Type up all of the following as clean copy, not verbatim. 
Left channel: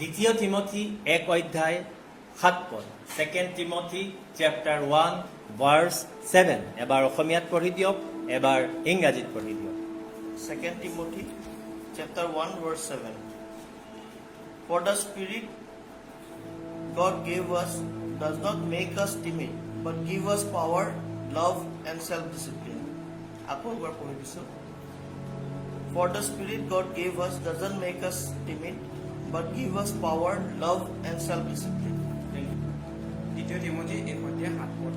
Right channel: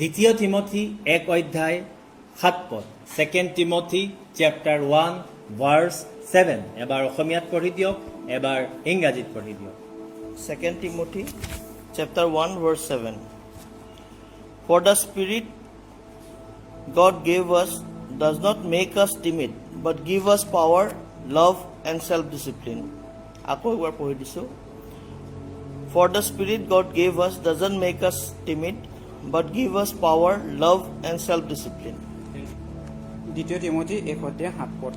দ্বিতীয় তিমথি 1 অধ্যায় 7 পদ 2 Timothy chapter 1 verse 7 এবাৰ অসমীয়াত পঢ়ি দিয়ক এবাৰ ইংৰাজীত পঢ়ি দিয়ক 2 Timothy chapter 1 verse 7. For the Spirit God gave us does not make us timid, but give us power, love and self-discipline. আকৌ এবাৰ পঢ়ি দিছো. For the Spirit God gave us doesn't make us timid, but give us power, love and self-discipline. 2 Timothy 1:7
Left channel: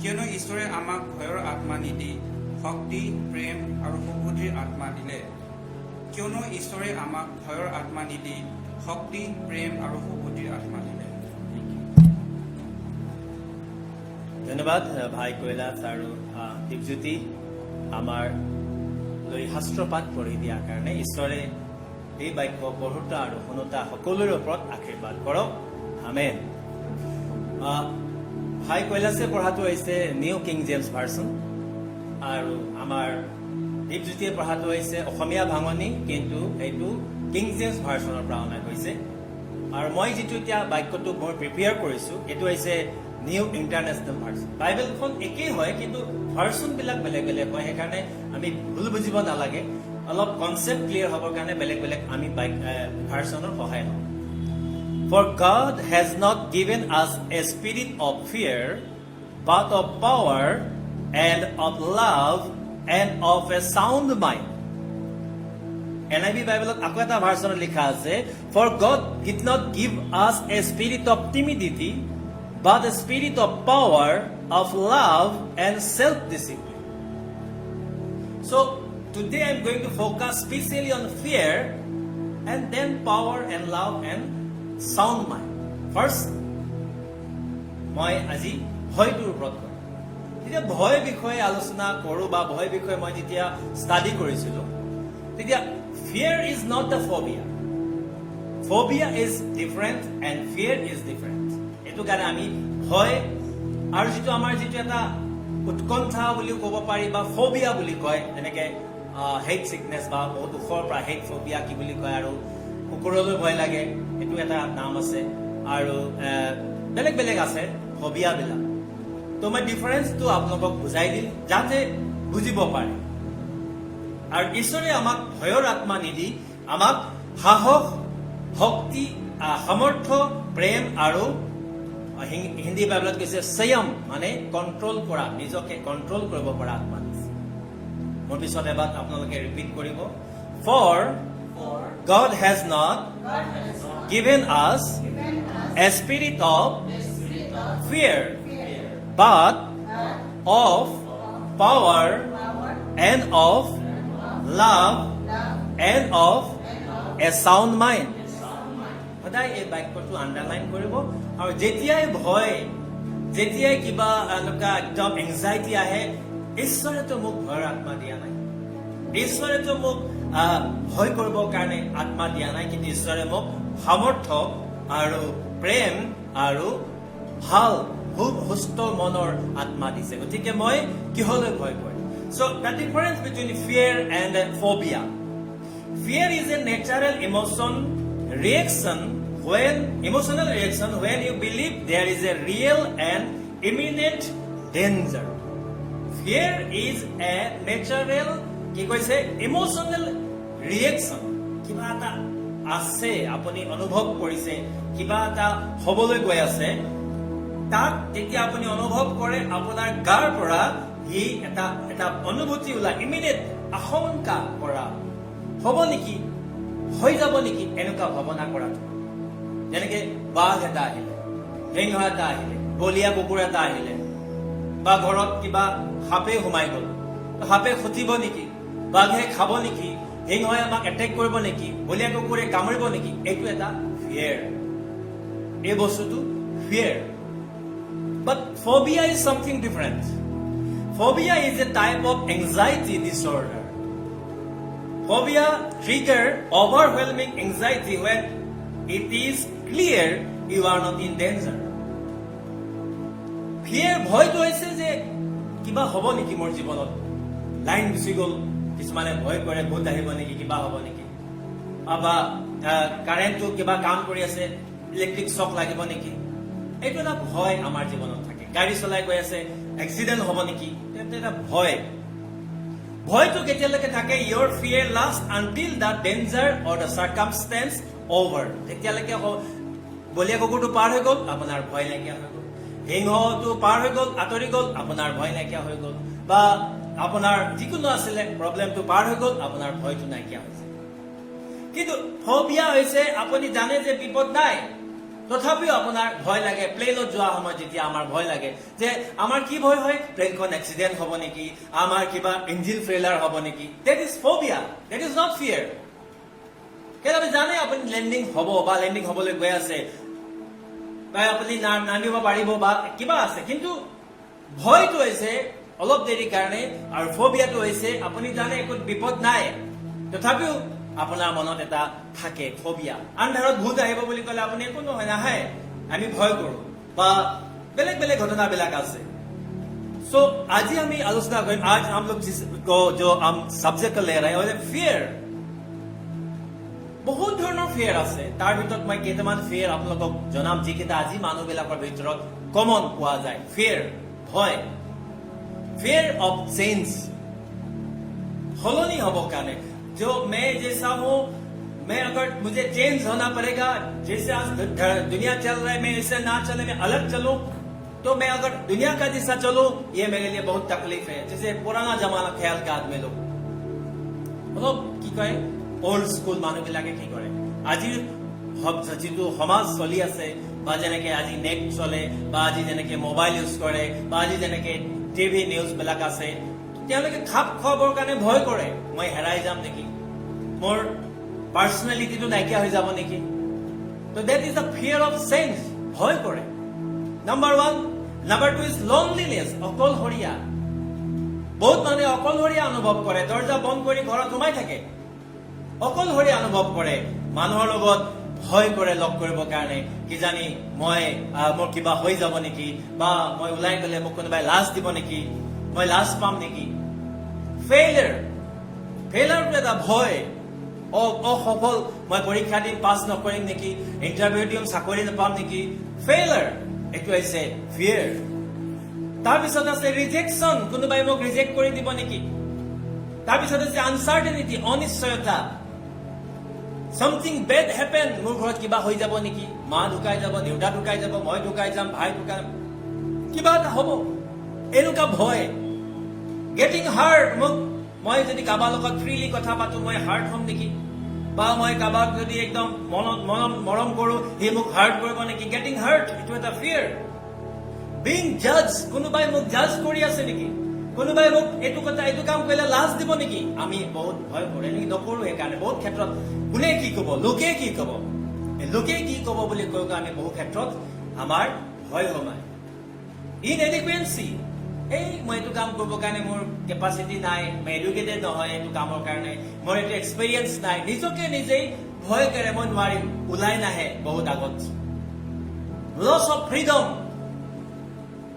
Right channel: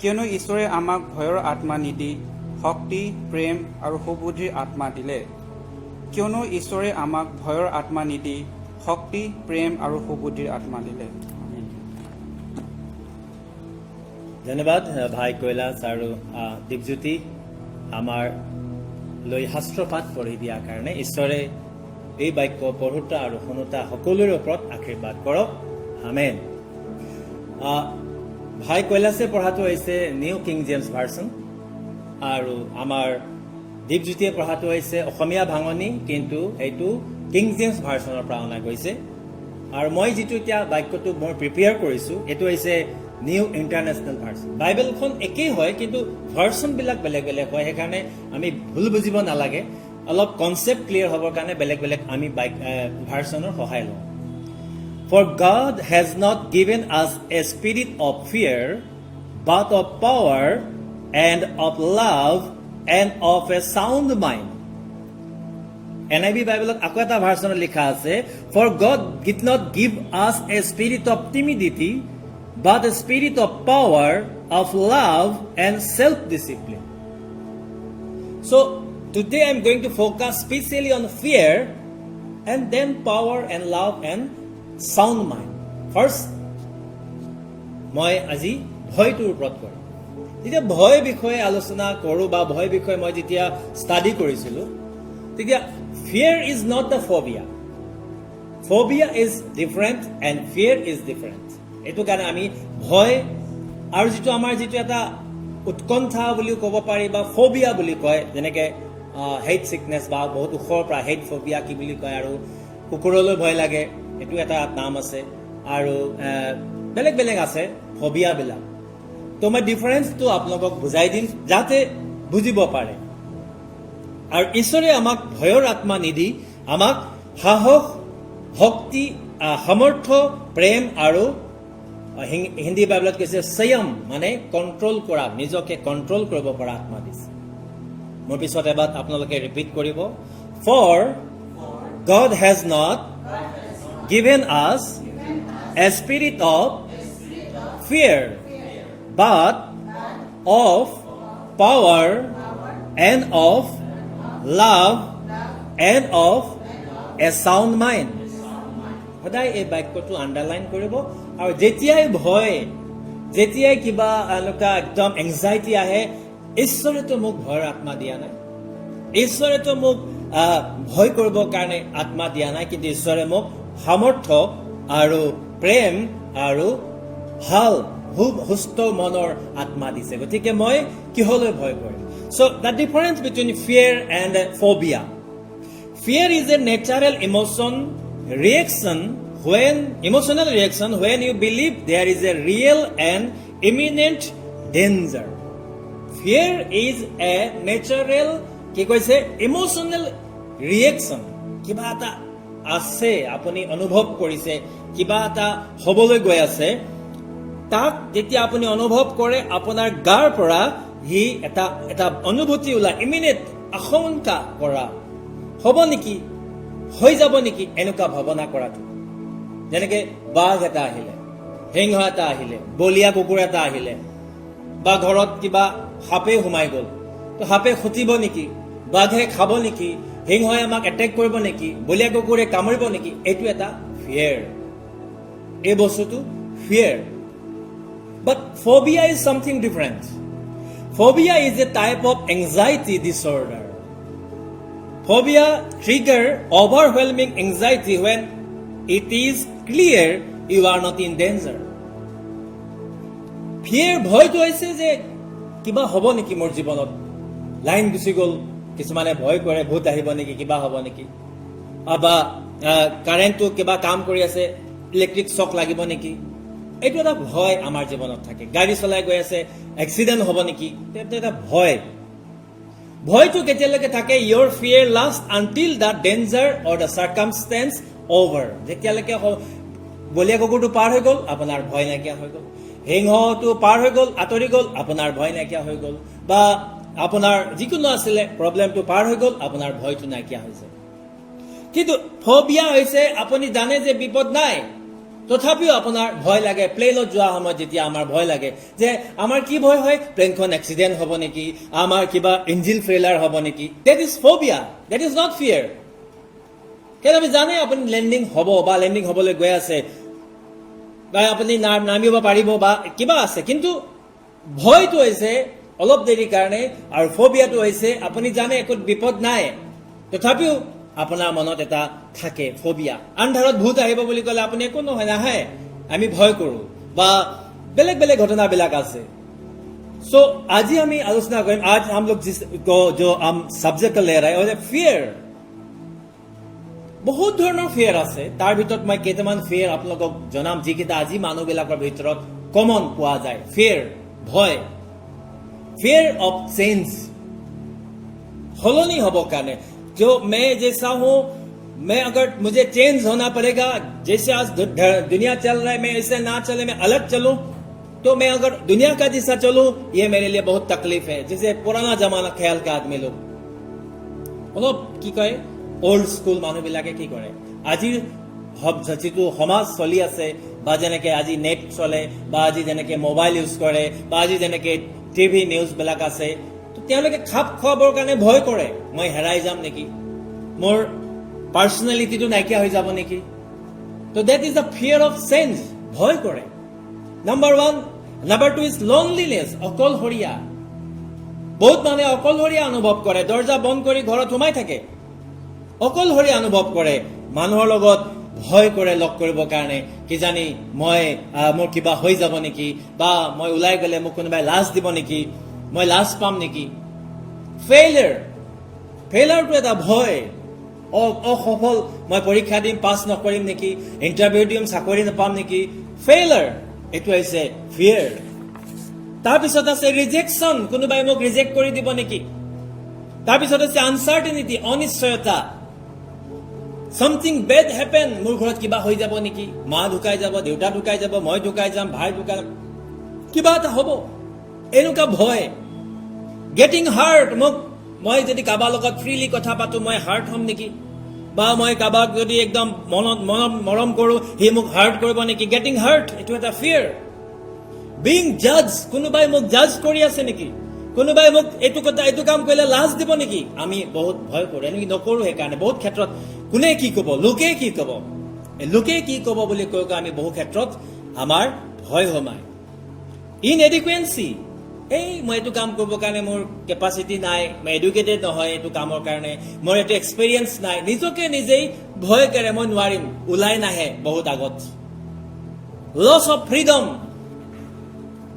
কিয়নো ঈশ্বৰে আমাক ভয়ৰ আত্মা নিদি শক্তি প্ৰেম আৰু সুবুদ্ধিৰ আত্মা দিলে কিয়নো ঈশ্বৰে আমাক ভয়ৰ আত্মা নিদি শক্তি প্ৰেম আৰু সুবুদ্ধিৰ আত্মা দিলে ধন্যবাদ ভাই কৈলাশ আৰু দীপজ্যোতি আমাৰ লৈ শাস্ত্ৰপাঠ পঢ়ি দিয়াৰ কাৰণে ঈশ্বৰে এই বাক্য পঢ়োতা আৰু শুনোতা সকলোৰে ওপৰত আশীৰ্বাদ কৰক আমেন ভাই কৈলাশে পঢ়াটো হৈছে নিউ কিং জেমছ ভাৰ্চন আৰু আমাৰ দীপজ্যোতিয়ে পঢ়াটো হৈছে অসমীয়া ভাঙনি কিন্তু এইটো কিং জেমছ ভাৰ্চনৰ পৰা অনা গৈছে আৰু মই যিটো এতিয়া বাক্যটো মই প্ৰিপেয়াৰ কৰিছোঁ এইটো হৈছে নিউ ইণ্টাৰনেশ্যনেল ভাৰ্চন বাইবেলখন একেই হয় কিন্তু ভাৰ্চনবিলাক বেলেগ বেলেগ হয় সেইকাৰণে আমি ভুল বুজিব নালাগে অলপ কনচেপ্ট ক্লিয়াৰ হ'বৰ কাৰণে বেলেগ বেলেগ আমি ভাৰ্চনৰ সহায় লওঁ For God has not given us a spirit of fear, but of power and of love and of a sound mind. NIV Bible আকৌ এটা ভাৰ্চনত লিখা আছে For God did not give us a spirit of timidity, but a spirit of power, of love and self-discipline. So today I'm going to focus specially on fear and then power and love and sound mind. First, মই আজি ভয়টোৰ ওপৰত কৰিম যেতিয়া ভয় বিষয়ে আলোচনা কৰোঁ বা ভয় বিষয়ে মই যেতিয়া ষ্টাডি কৰিছিলোঁ তেতিয়া fear is not the phobia. Phobia is different and fear is different. এইটো কাৰণে আমি ভয় আৰু যিটো আমাৰ যিটো এটা উৎকণ্ঠা বুলিও ক'ব পাৰি বা ফোবিয়া বুলি কয় যেনেকে হেট চিকনেছ বা বহুত ওখৰ পৰা হেট ফোবিয়া কি বুলি কয় আৰু কুকুৰলৈ ভয় লাগে এইটো এটা নাম আছে আৰু বেলেগ বেলেগ আছে ফোবিয়াবিলাক তো মই ডিফাৰেন্সটো আপোনালোকক বুজাই দিম যাতে বুজিব পাৰে আৰু ঈশ্বৰে আমাক ভয়ৰ আত্মা নিদি আমাক সাহস শক্তি সামৰ্থ্য প্ৰেম আৰু হিন্দী বাইবেলত কৈছে সংযম মানে কণ্ট্ৰল কৰা নিজকে কণ্ট্ৰল কৰিব পৰা আত্মা দিছে মোৰ পিছত এবাৰ আপোনালোকে ৰিপিট কৰিব For God has not given us a spirit of fear, but of power and of love and of a sound mind. সদায় এই বাক্যটো আণ্ডাৰলাইন কৰিব আৰু যেতিয়াই ভয় যেতিয়াই কিবা এনেকুৱা একদম এংজাইটি আহে ঈশ্বৰেতো মোক ভয়ৰ আত্মা দিয়া নাই ঈশ্বৰেতো মোক ভয় কৰিবৰ কাৰণে আত্মা দিয়া নাই কিন্তু ঈশ্বৰে মোক সামৰ্থ্য আৰু প্ৰেম আৰু ভাল সুস্থ মনৰ আত্মা দিছে গতিকে মই কিহলৈ ভয় কৰিম So the difference between fear and phobia. Fear is a natural emotional reaction when you believe there is a real and imminent danger. Fear is a natural কি কৈছে ইমোশনাল ৰিয়েকশ্যন কিবা এটা আছে আপুনি অনুভৱ কৰিছে কিবা এটা হ'বলৈ গৈ আছে তাক যেতিয়া আপুনি অনুভৱ কৰে আপোনাৰ গাৰ পৰা হি এটা অনুভূতি ওলায় ইমিডিয়েট আশংকা কৰা হ'ব নেকি হৈ যাব নেকি এনেকুৱা ভাৱনা কৰাটো যেনেকে বাঘ এটা আহিলে সিংহ এটা আহিলে বলিয়া কুকুৰ এটা আহিলে বা ঘৰত কিবা সাপে সোমাই গ'ল তো সাপে খুটিব নেকি বাঘে খাব নেকি সিংহই আমাক এটেক কৰিব নেকি বলিয়া কুকুৰে কামুৰিব নেকি এইটো এটা ফিয়াৰ এই বস্তুটো fear but phobia is something different phobia is a type of anxiety disorder phobia trigger overwhelming anxiety when it is clear you are not in danger fear ভয়টো হৈছে যে কিবা হ'ব নেকি মোৰ জীৱনত লাইন গুচি গ'ল কিছুমানে ভয় কৰে ভূত আহিব নেকি কিবা হ'ব নেকি বা কাৰেণ্টটো কিবা কাম কৰি আছে, ইলেক্ট্ৰিক শ্বক লাগিব নেকি, এইটো এটা ভয় আমাৰ জীৱনত থাকে। গাড়ী চলাই গৈ আছে, এক্সিডেণ্ট হ'ব নেকি, এইটো এটা ভয়। ভয়টো কেতিয়ালৈকে থাকে? Your fear last until the danger or the circumstance over. যেতিয়ালৈকে বলীয়া কুকুৰটো পাৰ হৈ গ'ল, আপোনাৰ ভয় নাইকিয়া হৈ গ'ল। সিংহটো পাৰ হৈ গ'ল, আঁতৰি গ'ল, আপোনাৰ ভয় নাইকিয়া হৈ গ'ল। বা আপোনাৰ যিকোনো আছিলে প্ৰব্লেমটো পাৰ হৈ গ'ল, আপোনাৰ ভয়টো নাইকিয়া হৈছে। কিন্তু ফবিয়া হৈছে আপুনি জানে যে বিপদ নাই, তথাপিও আপোনাৰ ভয় লাগে। প্লেনত যোৱা সময়ত যেতিয়া আমাৰ ভয় লাগে, যে আমাৰ কি ভয় হয়? প্লেনখন এক্সিডেণ্ট হ'ব নেকি, আমাৰ কিবা ইঞ্জিন ফেইলাৰ হ'ব নেকি। That is phobia, that is not fear. কিন্তু আমি জানে আপুনি লেণ্ডিং হ'ব বা লেণ্ডিং হ'বলৈ গৈ আছে, বা আপুনি নামিব পাৰিব বা কিবা আছে, কিন্তু ভয়টো হৈছে অলপ দেৰিৰ কাৰণে, আৰু ফবিয়াটো হৈছে আপুনি জানে একো বিপদ নাই, তথাপিও আপোনাৰ মনত এটা থাকে ফবিয়া। আন্ধাৰত ভূত আহিব বুলি ক'লে আপুনি একো নহয়, নাহে, আমি ভয় কৰোঁ, বা বেলেগ বেলেগ ঘটনাবিলাক আছে। সো আজি আমি আলোচনা কৰিম, আজ हम लोग जो हम सब्जेक्ट ले रहे हैं ফিয়াৰ। বহুত ধৰণৰ ফিয়াৰ আছে, তাৰ ভিতৰত মই কেইটামান ফিয়াৰ আপোনালোকক জনাম, যিকেইটা আজি মানুহবিলাকৰ ভিতৰত কমন পোৱা যায়। ফিয়াৰ, ভয়, ফিয়াৰ অফ চেঞ্জ, সলনি হ'ব কাৰণে। जो मैं जैसा हूं, मैं अगर मुझे चेंज होना पड़ेगा, जैसे आज दुनिया चल रहा है, मैं ऐसे ना चले, मैं अलग चलूं, तो मैं अगर दुनिया का जैसा चलूं, ये मेरे लिए बहुत तकलीफ है। जैसे पुराना जमाना ख्याल के आदमी लोग অলপ কি কয়, ওল্ড স্কুল মানুহবিলাকে কি কৰে, আজিৰ যিটো সমাজ চলি আছে, বা যেনেকে আজি নেট চলে, বা আজি যেনেকে মোবাইল ইউজ কৰে, বা আজি যেনেকে টিভি নিউজবিলাক আছে, তেওঁলোকে খাপ খোৱাবৰ কাৰণে ভয় কৰে। মই হেৰাই যাম নেকি, মোৰ পাৰ্চনেলিটিটো নাইকিয়া হৈ যাব নেকি। তো that is the ফিয়াৰ of change, ভয় কৰে। নাম্বাৰ 1। নাম্বাৰ 2 ইজ লনলিনেছ, অকলশৰীয়া। বহুত মানুহে অকলশৰীয়া অনুভৱ কৰে, দৰ্জা বন্ধ কৰি ঘৰত সোমাই থাকে, অকলশৰীয়া অনুভৱ কৰে। মানুহৰ লগত ভয় কৰে লগ কৰিবৰ কাৰণে, কিজানি মোৰ কিবা হৈ যাব নেকি, বা মই ওলাই গ'লে মোক কোনোবাই লাজ দিব নেকি, মই লাজ পাম নেকি। ফেইলাৰটো এটা ভয়, অসফল, মই পৰীক্ষা দিম, পাছ নকৰিম নেকি, ইণ্টাৰভিউ দিম, চাকৰি নাপাম নেকি। ফেইলাৰ, এইটো হৈছে ফিয়াৰ। তাৰপিছত আছে ৰিজেকশ্যন, কোনোবাই মোক ৰিজেক্ট কৰি দিব নেকি। তাৰপিছত আছে আনচাৰ্টেনিটি, অনিশ্চয়তা, something bad happen, মোৰ ঘৰত কিবা হৈ যাব নেকি, মা ঢুকাই যাব, দেউতা ঢুকাই যাব, মই ঢুকাই যাম, ভাই ঢুকাই যাম, কিবা এটা হ'ব, এনেকুৱা ভয়। গেটিং হাৰ্ট, মই যদি কাৰোবাৰ লগত ফ্ৰীলি কথা পাতো, মই হাৰ্ট হ'ম নেকি, বা মই কাৰোবাক যদি একদম মৰম কৰোঁ, সি মোক হাৰ্ট কৰিব নেকি। গেটিং হাৰ্ট, এইটো এটা ফিয়াৰ। বিং জাজ, কোনোবাই মোক জাজ কৰি আছে নেকি, কোনোবাই মোক এইটো কাম কৰিলে লাজ দিব নেকি, আমি বহুত ভয় কৰোঁ, এনেকৈ নকৰোঁ। সেইকাৰণে বহুত ক্ষেত্ৰত কোনে কি ক'ব, লোকে কি ক'ব, লোকে কি ক'ব বুলি কৈ আমি বহু ক্ষেত্ৰত আমাৰ ভয় সোমায়। ইনএডিকুৱেঞ্চি, মই এইটো কাম কৰিবৰ কাৰণে মোৰ কেপাচিটি নাই, মই এডুকেটেড নহয় এইটো কামৰ কাৰণে, মোৰ এইটো এক্সপিৰিয়েঞ্চ নাই, নিজকে নিজেই ভয় কৰে, মই নোৱাৰিম, ওলাই নাহে বহুত আগত। লছ অফ ফ্ৰীডম,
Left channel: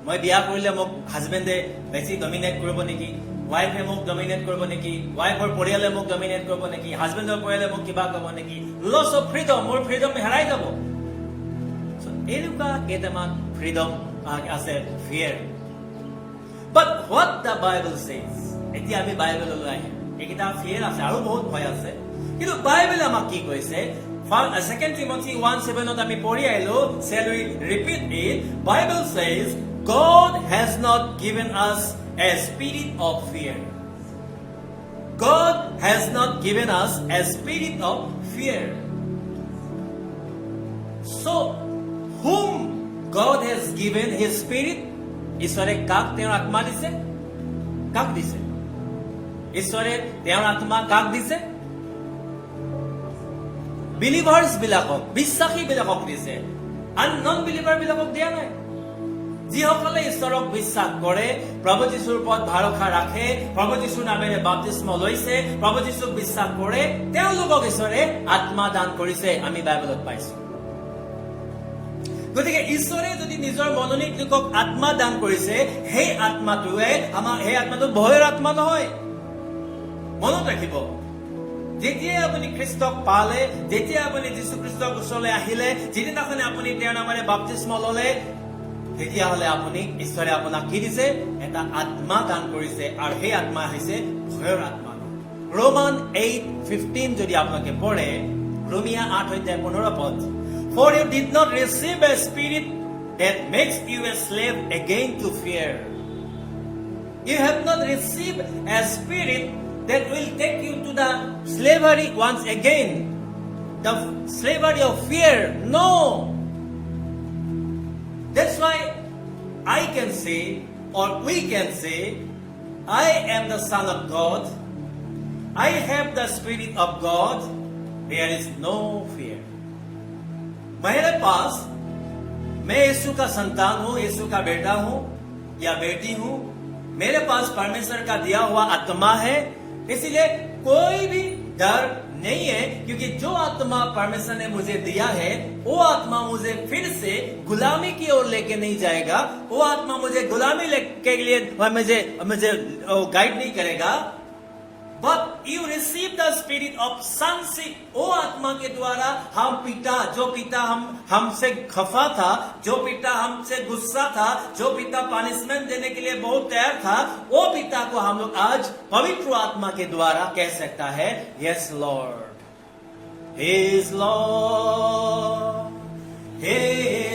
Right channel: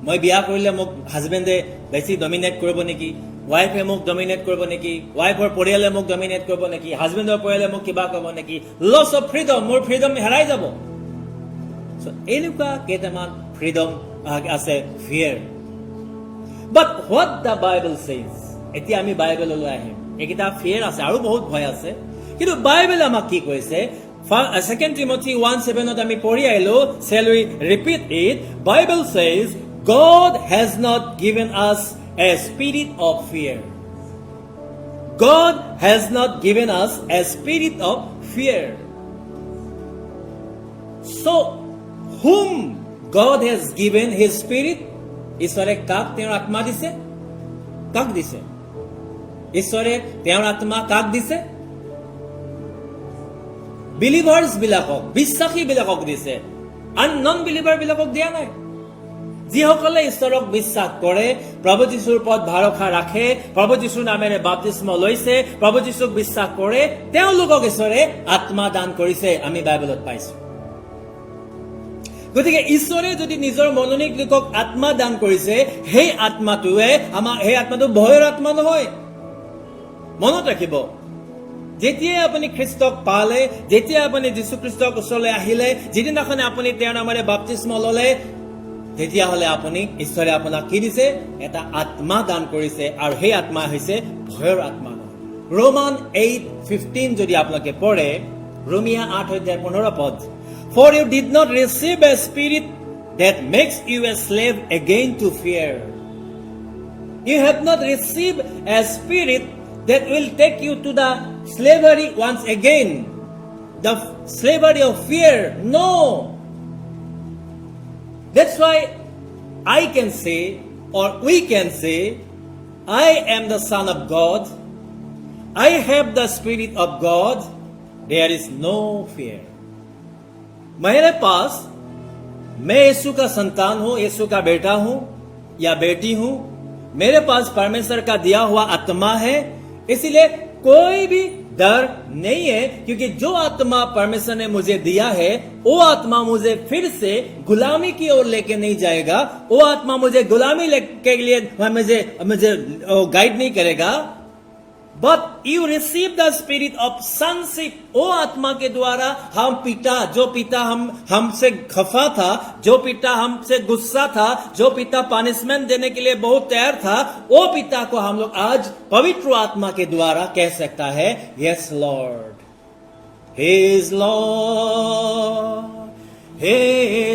মই বিয়া কৰিলে মোক হাজবেণ্ডে বেছি ডমিনেট কৰিব নেকি, ৱাইফে মোক ডমিনেট কৰিব নেকি, ৱাইফৰ পৰিয়ালে মোক ডমিনেট কৰিব নেকি, হাজবেণ্ডৰ পৰিয়ালে মোক কিবা কৰিব নেকি। লছ অফ ফ্ৰীডম, মোৰ ফ্ৰীডম হেৰাই যাব। এনেকুৱা কেইটামান ফ্ৰীডম আছে, ফিয়াৰ। But what the Bible says, এতিয়া আমি বাইবেললৈ আহিম। এইকেইটা ফিয়াৰ আছে, আৰু বহুত ভয় আছে, কিন্তু বাইবেল আমাক কি কৈছে? 2 Timothy 1:7 আমি পঢ়ি আহিলো, shall we repeat it? Bible says, God has not given us a spirit of fear. God has not given us a spirit of fear. So, whom God has given His Spirit? ঈশ্বৰে কাক তেওঁৰ আত্মা দিছে? কাক দিছে? ঈশ্বৰে তেওঁৰ আত্মা কাক দিছে? বিলিভাৰ্ছ বিলাকক, বিশ্বাসী বিলাকক দিছে, নন বিলিভাৰ বিলাকক দিয়া নাই। যিসকলে ঈশ্বৰক বিশ্বাস কৰে, প্ৰভু যীশুৰ ওপৰত ভৰসা ৰাখে, প্ৰভু যীশুৰ নামেৰে বাপ্তিস্ম লৈছে, প্ৰভু যীশুক বিশ্বাস কৰে, তেওঁলোকক ঈশ্বৰে আত্মা দান কৰিছে, আমি বাইবেলত পাইছো। গতিকে ঈশ্বৰে যদি নিজৰ মনোনীত লোকক আত্মা দান কৰিছে, সেই আত্মাটো ভয়ৰ আত্মা নহয়। মনত ৰাখিব, যেতিয়াই আপুনি খ্ৰীষ্টক পালে, যেতিয়া আপুনি যীশু খ্ৰীষ্টৰ ওচৰলৈ আহিলে, যিদিনাখনে আপুনি তেওঁৰ নামেৰে বাপ্তিস্ম ল'লে, তেতিয়াহ'লে আপুনি ঈশ্বৰে আপোনাক কি দিছে? এটা আত্মা দান কৰিছে, আৰু সেই আত্মা হৈছে ভয়ৰ আত্মা নহয়। ৰোমান 8:15 যদি আপোনালোকে পঢ়ে, ৰোমিয়া 8:15 For you did not receive a spirit that makes you a slave again to fear. You have not received a spirit that will take you to the slavery once again. The slavery of fear. No. That's why I can say, or we can say, I am the Son of God. I have the Spirit of God. There is no fear. मेरे पास, मैं यीशु का संतान हूं, यीशु का बेटा हूं या बेटी हूं, मेरे पास परमेश्वर का दिया हुआ आत्मा है, इसलिए कोई भी डर नहीं है, क्योंकि जो आत्मा परमेश्वर ने मुझे दिया है, वो आत्मा मुझे फिर से गुलामी की ओर लेके नहीं जाएगा, वो आत्मा मुझे गुलामी के लिए मुझे गाइड नहीं करेगा। But you receive the spirit of sonship. वो आत्मा के द्वारा हम पिता, जो पिता हमसे खफा था, जो पिता हमसे गुस्सा था, जो पिता पनिशमेंट देने के लिए बहुत तैयार था, वो पिता को हम लोग आज पवित्र आत्मा के द्वारा कह सकता है, Yes Lord, He is Lord, He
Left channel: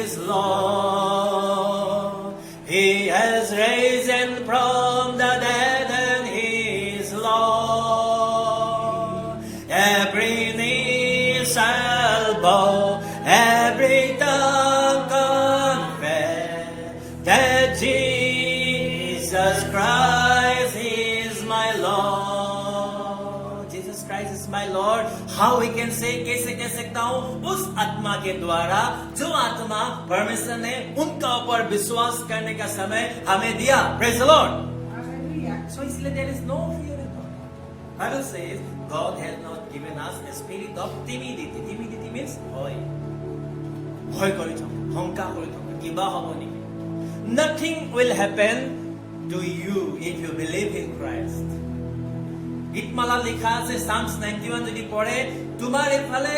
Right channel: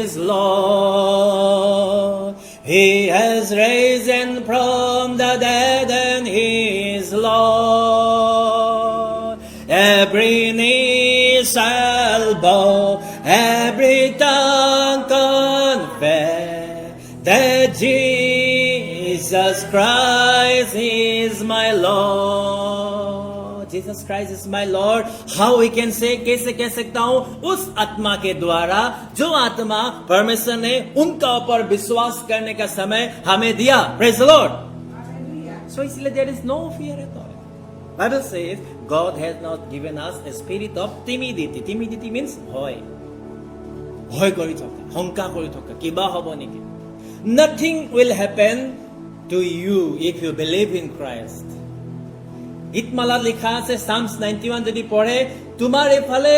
is Lord, He has risen from the dead and He is Lord. Every knee shall bow, every tongue confess that Jesus Christ is my Lord. Jesus Christ is my Lord. How we can say, कैसे कह सकता हूं? उस आत्मा के द्वारा, जो आत्मा परमेश्वर ने उनका ऊपर विश्वास करने का समय हमें दिया. Praise the Lord. So इसलिए there is no fear at all. Bible says God has not given us a spirit of timidity. Timidity means ভয়. ভয় কৰি থকা, শংকা কৰি থকা, কিবা হ'ব নেকি? Nothing will happen to you if you believe in Christ. ইতমালা লিখা আছে, Psalms 91 যদি পঢ়ে, তোমাৰ এফালে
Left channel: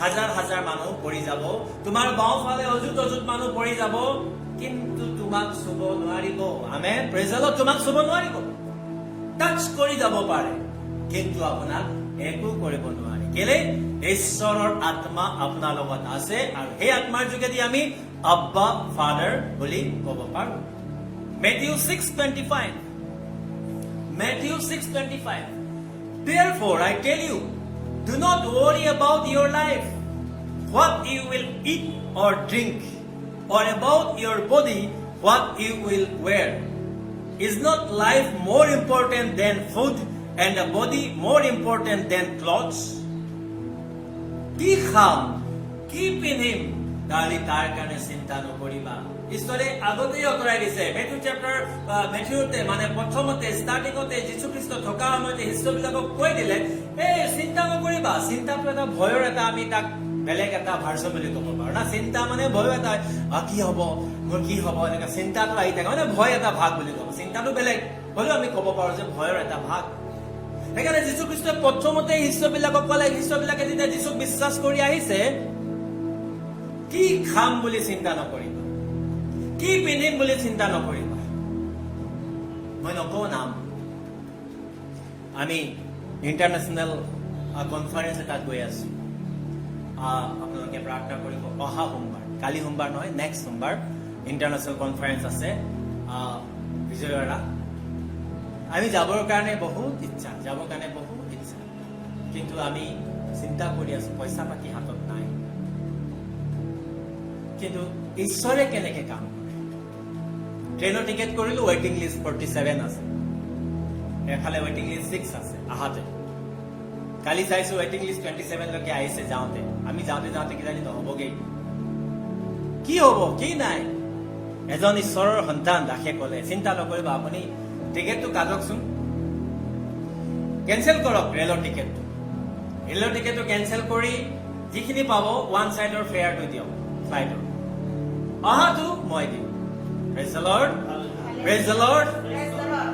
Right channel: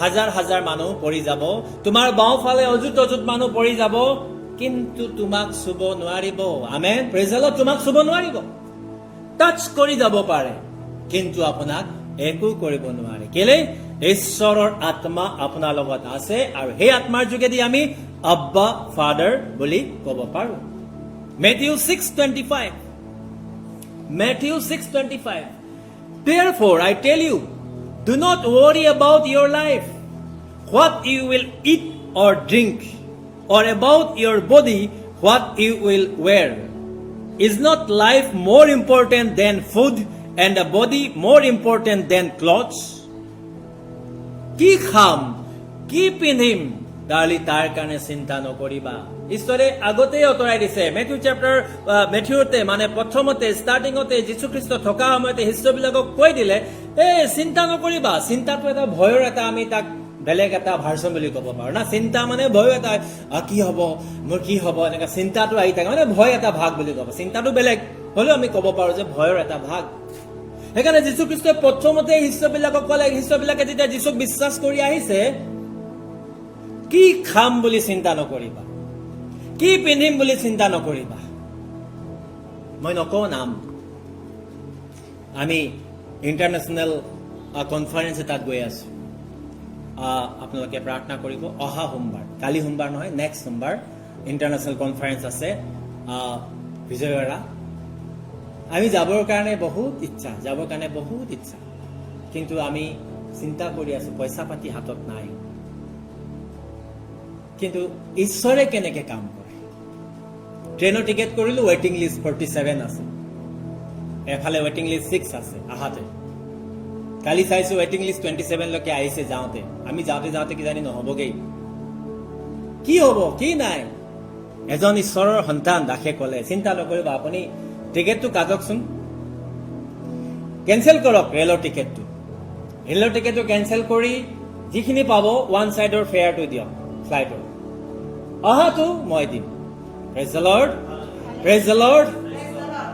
হাজাৰ হাজাৰ মানুহ পৰি যাব, তোমাৰ বাওঁফালে অযুত অযুত মানুহ পৰি যাব, কিন্তু তোমাক চুব নোৱাৰিব. আমেন. Praise the Lord. তোমাক চুব নোৱাৰিব, টাচ কৰি যাব পাৰে, কিন্তু আপোনাক একো কৰিব নোৱাৰে. কেলে? ঈশ্বৰৰ আত্মা আপোনাৰ লগত আছে, আৰু সেই আত্মাৰ যোগেদি আমি আব্বা ফাদাৰ বুলি ক'ব পাৰো. Matthew 6:25. Matthew 6:25. Therefore I tell you, do not worry about your life, what you will eat or drink, or about your body, what you will wear. Is not life more important than food, and the body more important than clothes? কি খাম, কি পিন্ধিম, তালি তাৰ কাৰণে চিন্তা নকৰিবা. ঈশ্বৰে আগতেই অতৰাই দিছে. মেথিউতে মানে প্ৰথমতে ষ্টাৰ্টিঙতে যীশুখ্ৰীষ্ট থকা সময়তে শিষ্যবিলাকক কৈ দিলে, চিন্তা নকৰিবা. চিন্তাটো এটা ভয়ৰ এটা, আমি তাক বেলেগ এটা ভাৰ্চন বুলি ক'ব পাৰো না. চিন্তা মানে ভয় এটা, কি হ'ব, মোৰ কি হ'ব, এনেকা চিন্তাটো আহি থাকে, মানে ভয় এটা ভাগ বুলি ক'ব. চিন্তাটো বেলেগ হ'লেও আমি ক'ব পাৰো যে ভয়ৰ এটা ভাগ. সেইকাৰণে যীশুখ্ৰীষ্টই প্ৰথমতে শিষ্যবিলাকক ক'লে, শিষ্যবিলাকে যেতিয়া যীশুক বিশ্বাস কৰি আহিছে, কি খাম বুলি চিন্তা নকৰিবা, কি পিন্ধিম বুলি চিন্তা নকৰিবা. মই নকওঁ নাম, আমি ইণ্টাৰনেশ্যনেল কনফাৰেন্স এটাত গৈ আছো. আপোনালোকে প্ৰাৰ্থনা কৰিব. অহা সোমবাৰ, কালি সোমবাৰ নহয়, নেক্সট সোমবাৰ ইণ্টাৰনেশ্যনেল কনফাৰেন্স আছে বিজয়ৱাড়া. আমি যাবৰ কাৰণে বহুত ইচ্ছা, কিন্তু আমি চিন্তা কৰি আছো, পইচা পাতি হাতত নাই. কিন্তু ঈশ্বৰে কেনেকে কাম কৰে. ট্ৰেইনৰ টিকেট কৰিলো, ৱেটিং লিষ্ট 47 আছে, এফালে ৱেটিং লিষ্ট 6 আছে আহাতে. কালি চাইছো ৱেটিং লিষ্ট 27 লৈকে আহিছে যাওঁতে. আমি যাওঁতে কিজানি নহবগেই. কি হ'ব, কি নাই. এজন ঈশ্বৰৰ সন্তান দাসে ক'লে, চিন্তা নকৰিব, আপুনি টিকেটটো কাটকচোন, কেনচেল কৰক ৰেলৰ টিকেটটো. ৰেলৰ টিকেটটো কেনচেল কৰি যিখিনি পাব ওৱান চাইডৰ ফেয়াৰটো দিয়ক ফ্লাইটৰ, অহাটো মই দিম. Praise the lord, praise the lord.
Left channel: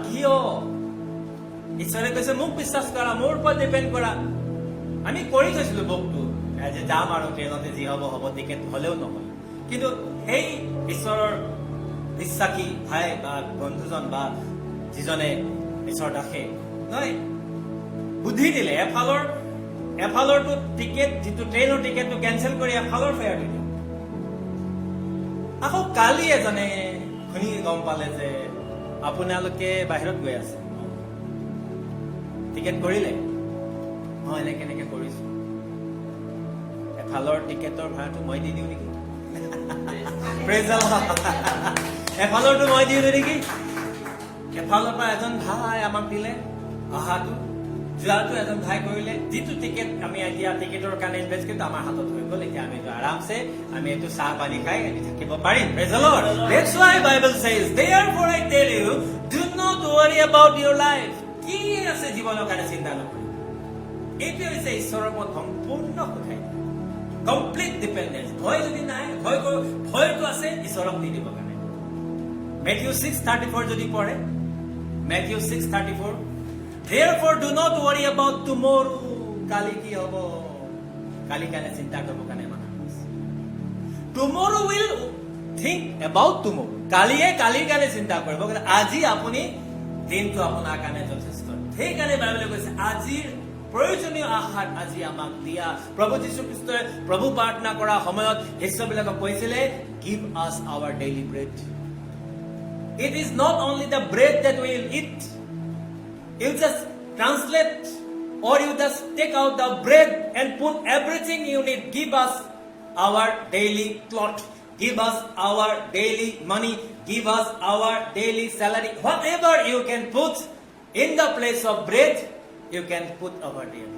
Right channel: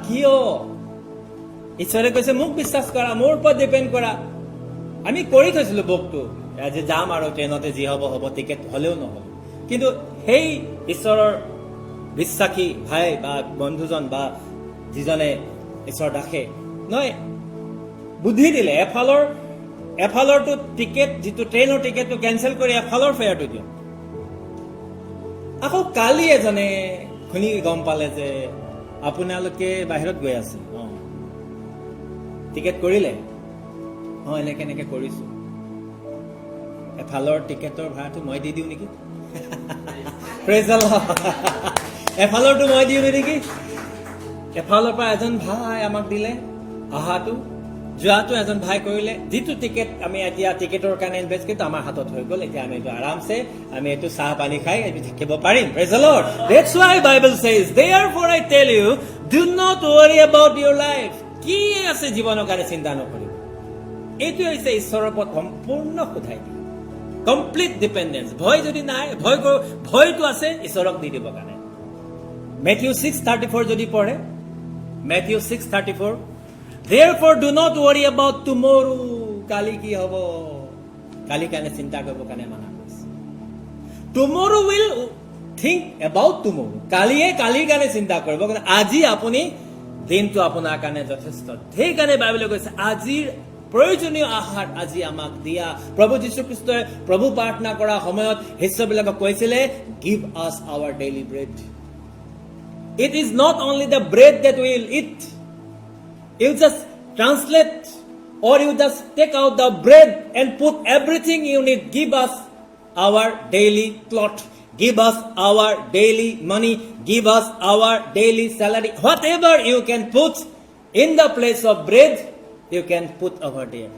কিয়? ঈশ্বৰে কৈছে মোক বিশ্বাস কৰা, মোৰ ওপৰত ডিপেণ্ড কৰা, আমি কৰি থৈছিলোঁ বুকটো আজি যাম আৰু ট্ৰেইনতে যি হ'ব হ'ব টিকেট হ'লেও নহ'ল কিন্তু সেই ঈশ্বৰৰ বিশ্বাসী ভাই বা বন্ধুজন বা যিজনে ঈশ্বৰ দাসে নহয় বুদ্ধি দিলে এফালৰটো টিকেট যিটো ট্ৰেইনৰ টিকেটটো কেঞ্চেল কৰি এফালৰ ফেয়াৰটো দিয়ক আকৌ কালি এজনে শুনি গম পালে যে আপোনালোকে বাহিৰত গৈ আছে টিকেট কৰিলে এনেকে কৰিছো এফালৰ টিকেটৰ ভাড়াটো মই দি দিওঁ নেকি প্ৰেজ দ্য লৰ্ড এফালৰটো মই দিওঁ নেকি এফালৰ পৰা এজন ভাই আমাক দিলে অহাটো যোৱাটো এজন ভাই কৰিলে যিটো টিকেট আমি এতিয়া টিকেটৰ কাৰণে ইনভেষ্ট কৰিছোঁ আমাৰ হাতত হৈ গ'ল এতিয়া আমি এইটো আৰামছে আমি এইটো চাহ পানী খাই এইটো থাকিব পাৰিম praise the lord that's why Bible says therefore I tell you do not worry about your life কি আছে জীৱনৰ কাৰণে চিন্তা নকৰিব এইটো হৈছে ঈশ্বৰৰ ওপৰত সম্পূৰ্ণ সোধাই দিয়া কমপ্লিট ডিপেণ্ডেঞ্চ ভয় যদি নাই ভয়টো আছে ঈশ্বৰক দি দিব কাৰণে মেথিউ 6:34 যদি পঢ়ে Matthew 6:34 therefore do not worry about tomorrow কালি কি হ'ব কালি কাৰণে চিন্তা কৰিব কাৰণে মানা কৰিছে tomorrow will think about tomorrow কালিৰ কাৰণে চিন্তা কৰিব কিন্তু আজি আপুনি দিনটো আপোনাৰ কাৰণে যথেষ্ট সেইকাৰণে বাইবেলে কৈছে আজিৰ প্ৰয়োজনীয় আহাৰ আজি আমাক দিয়া প্ৰভু যীশু খ্ৰীষ্টই প্ৰভু প্ৰাৰ্থনা কৰা সময়ত শিষ্যবিলাকক কৈছিলে give us our daily bread it is not only the bread that we will eat you just translate or you just take out the bread and put everything you need give us our daily cloth give us our daily money give us our daily salary whatever you can put in the place of bread you can put over there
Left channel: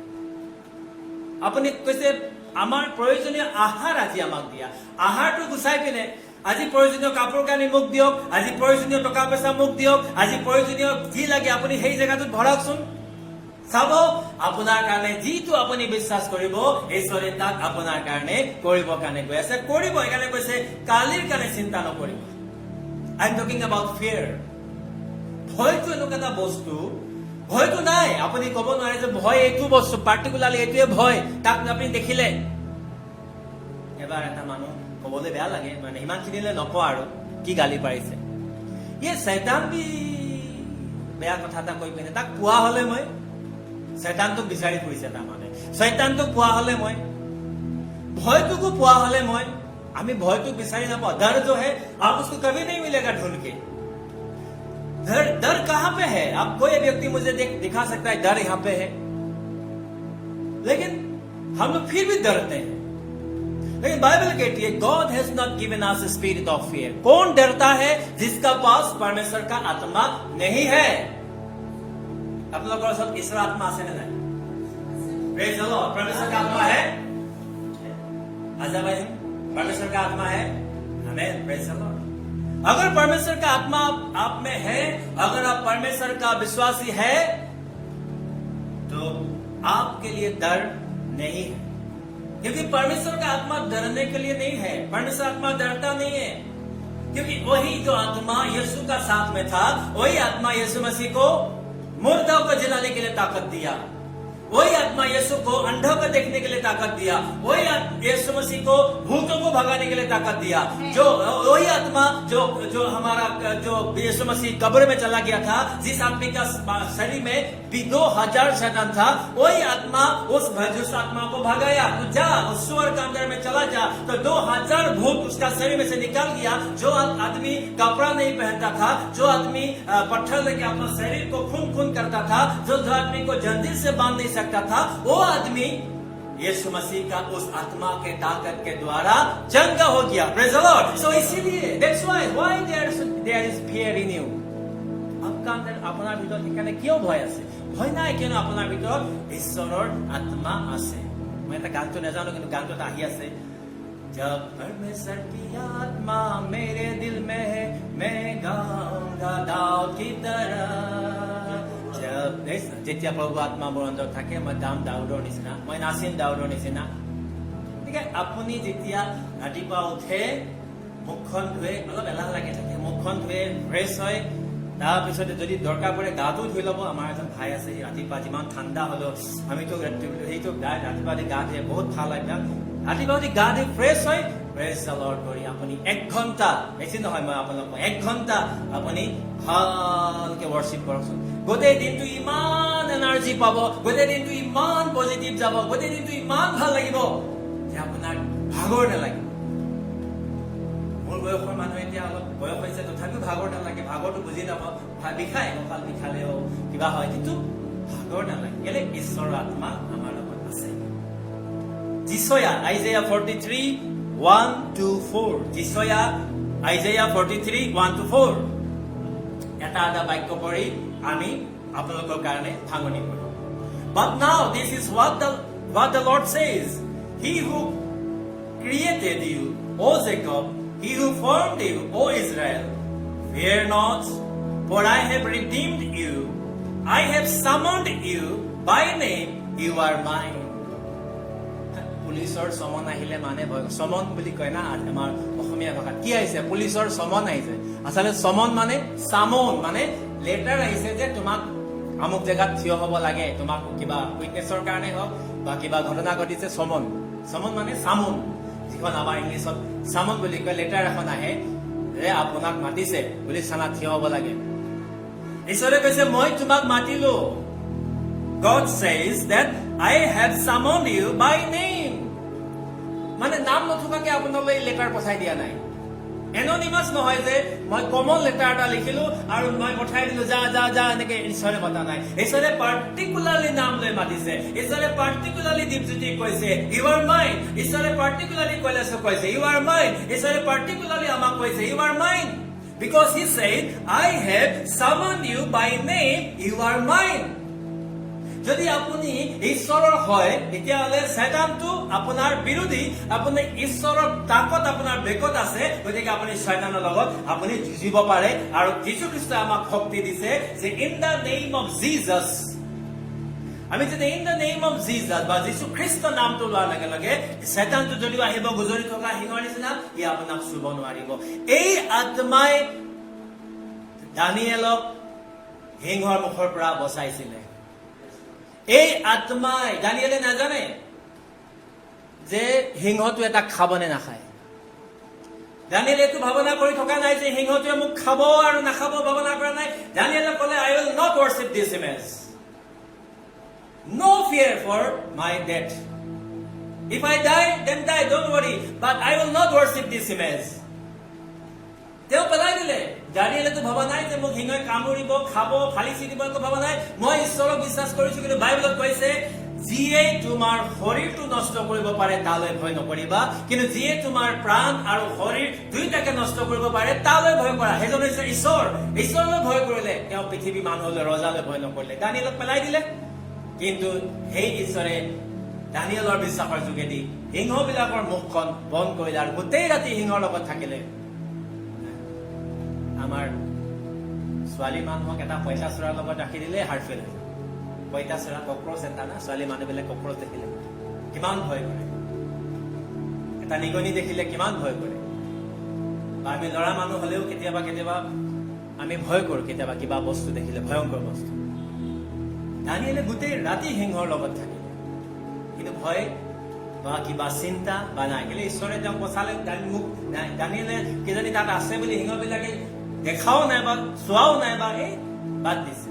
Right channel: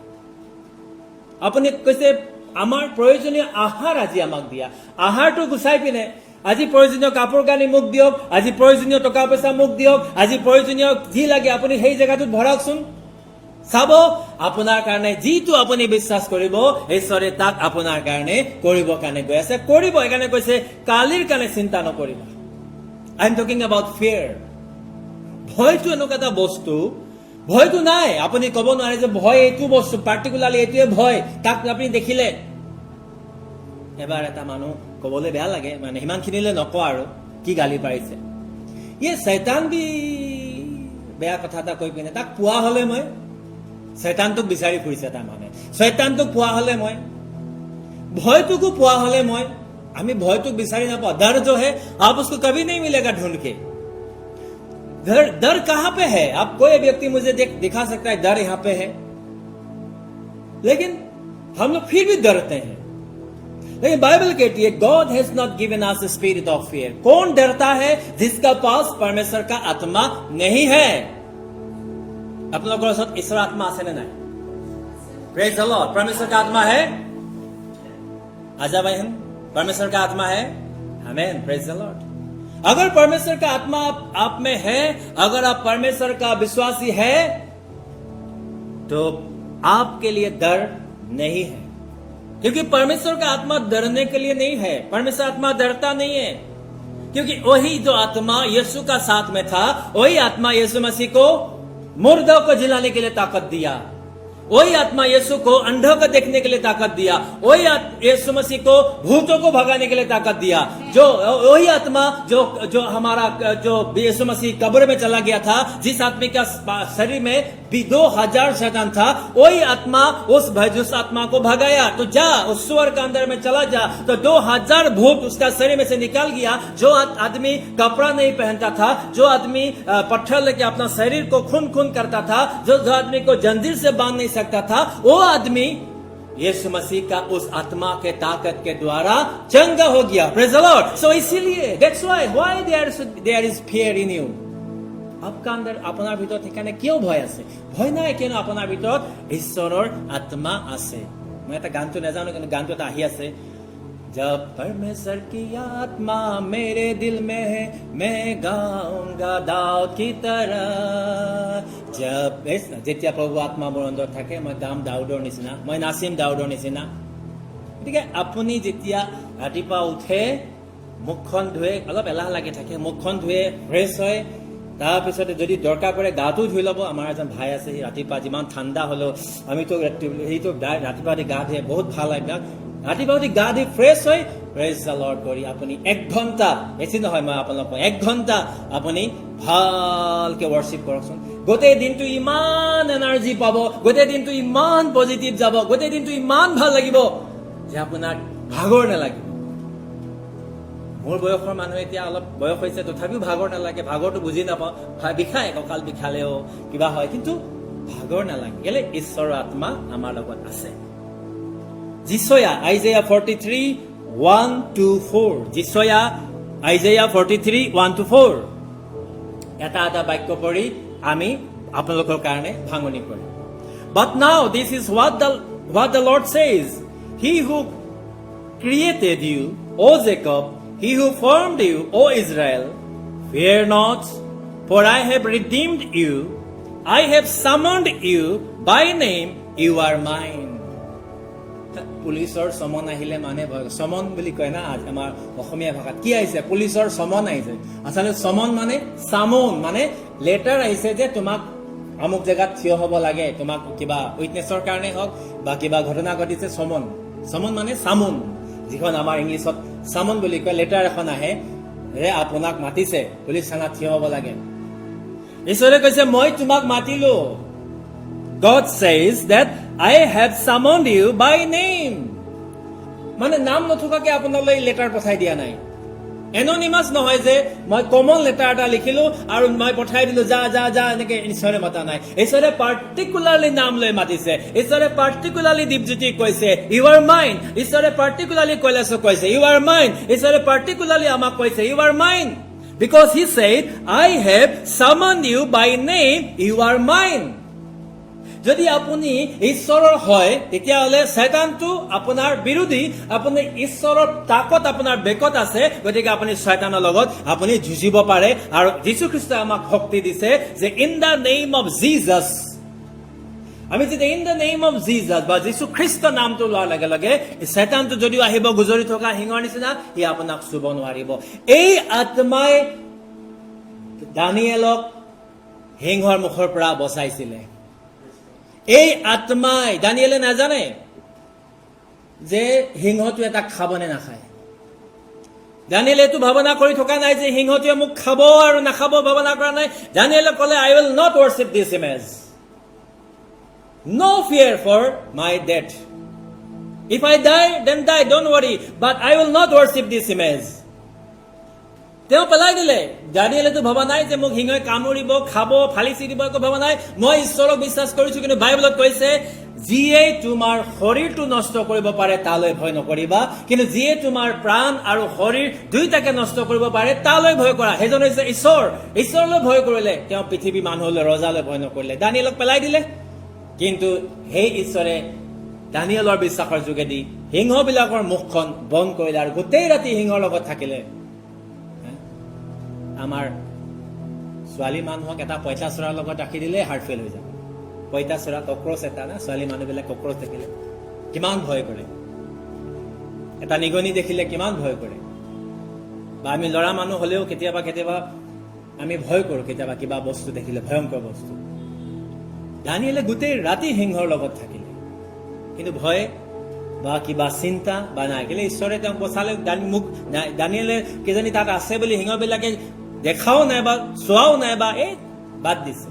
আপুনি কৈছে আমাৰ প্ৰয়োজনীয় আহাৰ আজি আমাক দিয়া আহাৰটো গুছাই পিনে আজি প্ৰয়োজনীয় কাপোৰ কানি মোক দিয়ক আজি প্ৰয়োজনীয় টকা পইচা মোক দিয়ক আজি প্ৰয়োজনীয় যি লাগে আপুনি সেই জেগাটোত ভৰাওকচোন চাব আপোনাৰ কাৰণে যিটো আপুনি বিশ্বাস কৰিব ঈশ্বৰে তাক আপোনাৰ কাৰণে কৰিব কাৰণে গৈ আছে কৰিব এইকাৰণে কৈছে কালিৰ কাৰণে চিন্তা নকৰিব আই এম টকিং এবাউট ফিয়াৰ ভয়টো এনেকুৱা এটা বস্তু ভয়টো নাই আপুনি ক'ব নোৱাৰে যে ভয় এইটো বস্তু পাৰ্টিকুলাৰলি এইটোৱে ভয় তাক আপুনি দেখিলে এবাৰ এটা মানুহ ক'বলৈ বেয়া লাগে মানে সিমানখিনিলৈ নকওঁ আৰু কি গালি পাৰিছে শয়তান বি বেয়া কথা এটা কৈ পিনে তাক পোৱা হ'লে মই শয়তানটোক বিচাৰি ফুৰিছে তাৰমানে শয়তানটোক পোৱা হ'লে মই ভয়টোকো পোৱা হ'লে মই আমি ভয়টোক বিচাৰি নাপাওঁ डर जो है आप उसको कभी नहीं मिलेगा ढूंढ के डर कहां पे है आप कोई व्यक्ति मुझे दिखा सकता है डर यहां पे है लेकिन हम लोग फिर भी डरते हैं लेकिन बाइबल कहती है God has not given us a spirit of fear कौन डरता है जिसका पास परमेश्वर का आत्मा नहीं है आप लोगों के साथ ईश्वर आत्मा आसे नहीं प्रेज द लॉर्ड परमेश्वर का आत्मा है आजा बहन परमेश्वर का आत्मा है आमीन प्रेज द लॉर्ड अगर परमेश्वर का आत्मा आप में है अगर आप परमेश्वर का विश्वासी है तो आपके लिए डर नहीं है क्योंकि परमेश्वर का आत्मा डरने के लिए नहीं है परमेश्वर आत्मा डरता नहीं है क्योंकि वही जो आत्मा यीशु का साथ में था वही आत्मा यीशु मसीह को मुर्दों को जिलाने के लिए ताकत दिया वही आत्मा यीशु को अंधों को देखने के लिए ताकत दिया वही यीशु मसीह को भूतों को भगाने के लिए ताकत दिया जो वही आत्मा जो हमारा जो यीशु मसीह कब्र में चला गया था जिस आदमी का शरीर में 2000 शैतान था वही आत्मा उस आत्मा को भगाया तो जा उस सुअर के अंदर में चला जा तो 2000 भूत उसका शरीर में से निकल गया जो आदमी कपड़ा नहीं पहनता था जो आदमी पत्थर लेके अपना शरीर को खून करता था जो आदमी को जंजीर से बांध नहीं सकता था वो आदमी यीशु मसीह का उस आत्मा के ताकत के द्वारा चंगा हो गया प्रेज द लॉर्ड सो इसीलिए that's why there is fear in you आपका अंदर अपना ভিতৰত ঠিকানে কিয় ভয় আছে ভয় নাই কেন আপোনাৰ ভিতৰত ঈশ্বৰৰ আত্মা আছে মই এটা গানটো নাজানো কিন্তু গানটো এটা আহি আছে जब परमेश्वर की आत्मा मेरे दिल में है मैं गाऊंगा दाऊद की तरह जब যেতিয়া প্ৰভু আত্মা মোৰ অন্তৰত থাকে মই গাম দাউদৰ নিচিনা মই নাচিম দাউদৰ নিচিনা গতিকে আপুনি যেতিয়া ৰাতিপুৱা উঠে মুখখন ধুৱে অলপ এলাহ লাগি থাকে মুখখন ধুৱে ফ্ৰেছ হয় তাৰপিছতে যদি দৰকাৰ পৰে গাটো ধুই ল'ব। আমাৰ এজন ভাই আছে, ৰাতিপুৱা যিমান ঠাণ্ডা হ'লেও আমিতো সেইটো ৰাতিপুৱা উঠি গা ধুৱে, বহুত ভাল লাগে। ৰাতিপুৱা উঠি গা ধুই ফ্ৰেছ হৈ প্ৰেজ দ্য লৰ্ড কৰি আপুনি 1 ঘণ্টা, বেছি নহয় মই আপোনালোকক 1 ঘণ্টা আপুনি ভালকে ৱৰ্শ্বিপ কৰকচোন। গোটেই দিনটো ইমান এনাৰ্জি পাব, গোটেই দিনটো ইমান পজিটিভ যাব, গোটেই দিনটো ইমান ভাল লাগিব যে আপোনাক ভাগৰ নালাগিব। মোৰ বয়সৰ মানুহ এতিয়া অলপ বয়স হৈছে, তথাপিও ভাগৰ নালাগে। ভাগৰটো বুজি নাপাওঁ, বিষায়, কঁকাল বিষালেও কিবা হয়, কিন্তু ভাগৰ নালাগে। কেলে? ঈশ্বৰৰ আত্মা আমাৰ লগত আছে। যিচয়া আইজায়া 43:1-4, যিচয়া আইজায়া 43:1-4 এটা বাক্য পঢ়ি আমি আপোনালোকৰ কাৰণে ভাঙনি কৰিম। But now this is what the Lord says, He who created you, O Jacob, He who formed you, O Israel, fear not, for I have redeemed you, I have summoned you by name, you are mine. পুলিচৰ সমন আহিলে মানে ভয়, সমন বুলি কয় না আমাৰ অসমীয়া ভাষাত। কি আহিছে? পুলিচৰ সমন আহিছে। আচলতে সমন মানে চামন, মানে লেটাৰ আহিছে যে তোমাক আমুক জেগাত থিয় হ'ব লাগে, তোমাক কিবা উইটনেছৰ কাৰণে হওক বা কিবা ঘটনা ঘটিছে। সমন, সমন মানে চামন, যিখন আমাৰ ইংলিছত চামন বুলি কয়। লেটাৰ এখন আহে যে আপোনাক মাতিছে, পুলিচ থানাত থিয় হ'ব লাগে। ঈশ্বৰে কৈছে মই তোমাক মাতিলো। God says that I have summoned you by name. মানে নাম নথকাকে আপোনালৈ লেটাৰ পঠাই দিয়া নাই। এননিমাছ নহয় যে মই কমন লেটাৰ এটা লিখিলো আৰু মই পঠাই দিলো যা যা যা, এনেকে ঈশ্বৰে মাতা নাই। ঈশ্বৰে পাৰ্টিকুলাৰলি নাম লৈ মাতিছে। ঈশ্বৰে পাৰ্টিকুলাৰলি দীপজ্যোতিক কৈছে ইউ আৰ মাইন। ঈশ্বৰে পাৰ্টিকুলাৰলি কৈলাশক কৈছে ইউ আৰ মাইন। ঈশ্বৰে পাৰ্টিকুলাৰলি আমাক কৈছে you are mine, because he said I have summoned you by name, you are mine. যদি আপুনি ঈশ্বৰৰ হয় তেতিয়াহ'লে শয়তানটো আপোনাৰ বিৰোধী, আপুনি ঈশ্বৰৰ তাকত আপোনাৰ বেকত আছে। গতিকে আপুনি শয়তানৰ লগত আপুনি যুঁজিব পাৰে। আৰু যীশু খ্ৰীষ্টই আমাক শক্তি দিছে যে in the name of Jesus, আমি যেতিয়া in the name of Jesus বা যীশু খ্ৰীষ্ট নামটো লোৱাৰ লগে লগে শয়তানটো যদিও আহিব গুজৰি থকা সিংহৰ নিচিনা, সি আপোনাক চুব নোৱাৰিব। এই আত্মাই দানিয়েলক সিংহৰ মুখৰ পৰা বচাইছিলে। এই আত্মাই, দানিয়েলে নাজানে যে সিংহটো এটা খাব নে নাখায়। দানিয়েলে এইটো ভাৱনা কৰি থকা নাই যে সিংহটোৱে মোক খাব আৰু নাখাব, ভাৱনা কৰা নাই। দানিয়েলে ক'লে I will not worship this image, no fear for my death, if I die then die, don't worry, but I will not worship this image. তেওঁ পেলাই দিলে। দানিয়েলেতো ভবা নাই যে মোক সিংহই কামুৰিব, খাব, ফালি চিৰিব, একো ভবা নাই। মই ঈশ্বৰক বিশ্বাস কৰিছো। কিন্তু বাইবেলত কৈছে যিয়ে তোমাৰ শৰীৰটো নষ্ট কৰিব পাৰে তালৈ ভয় নকৰিবা, কিন্তু যিয়ে তোমাৰ প্ৰাণ আৰু শৰীৰ দুইটাকে নষ্ট কৰিব পাৰে তালৈ ভয় কৰা। সেইজন হৈছে ঈশ্বৰ। ঈশ্বৰলৈ ভয় কৰিলে তেওঁ পৃথিৱী মানুহলৈ, ৰজালৈ ভয় নকৰিলে। দানিয়েলক পেলাই দিলে। কিন্তু সেই ঈশ্বৰে দানিয়েলৰ বিশ্বাসৰ যোগেদি সিংহবিলাকৰ মুখখন বন্ধ কৰিলে আৰু গোটেই ৰাতি সিংহৰ লগত থাকিলে। আমাৰ ছোৱালী মানুহক এটা পঁইতাচোৰাৰ লগত ৰাখি দিলে হাৰ্ট ফেইল হৈ যাব। পঁইতাচোৰা কক্ৰচ এটা না, ছোৱালী মানুহবিলাক কক্ৰচ দেখিলে কিমান ভয় কৰে, এটা নিগনি দেখিলে কিমান ভয় কৰে। বা আমি ল'ৰা মানুহ হ'লেও কেতিয়াবা কেতিয়াবা আমি ভয় কৰোঁ, কেতিয়াবা কিবা বস্তু দেখিলে, ভয়ংকৰ বস্তু। দানিয়েলে গোটেই ৰাতি সিংহৰ লগত থাকিলে, কিন্তু ভয় বা কিবা চিন্তা বা নাই। কেলে ঈশ্বৰে তেওঁক বচালে। দানিয়েলে কিজানি তাত আছে বুলি সিংহবিলাকে দেখাও নাই বা চোৱাও নাই বা বাদ দিছে।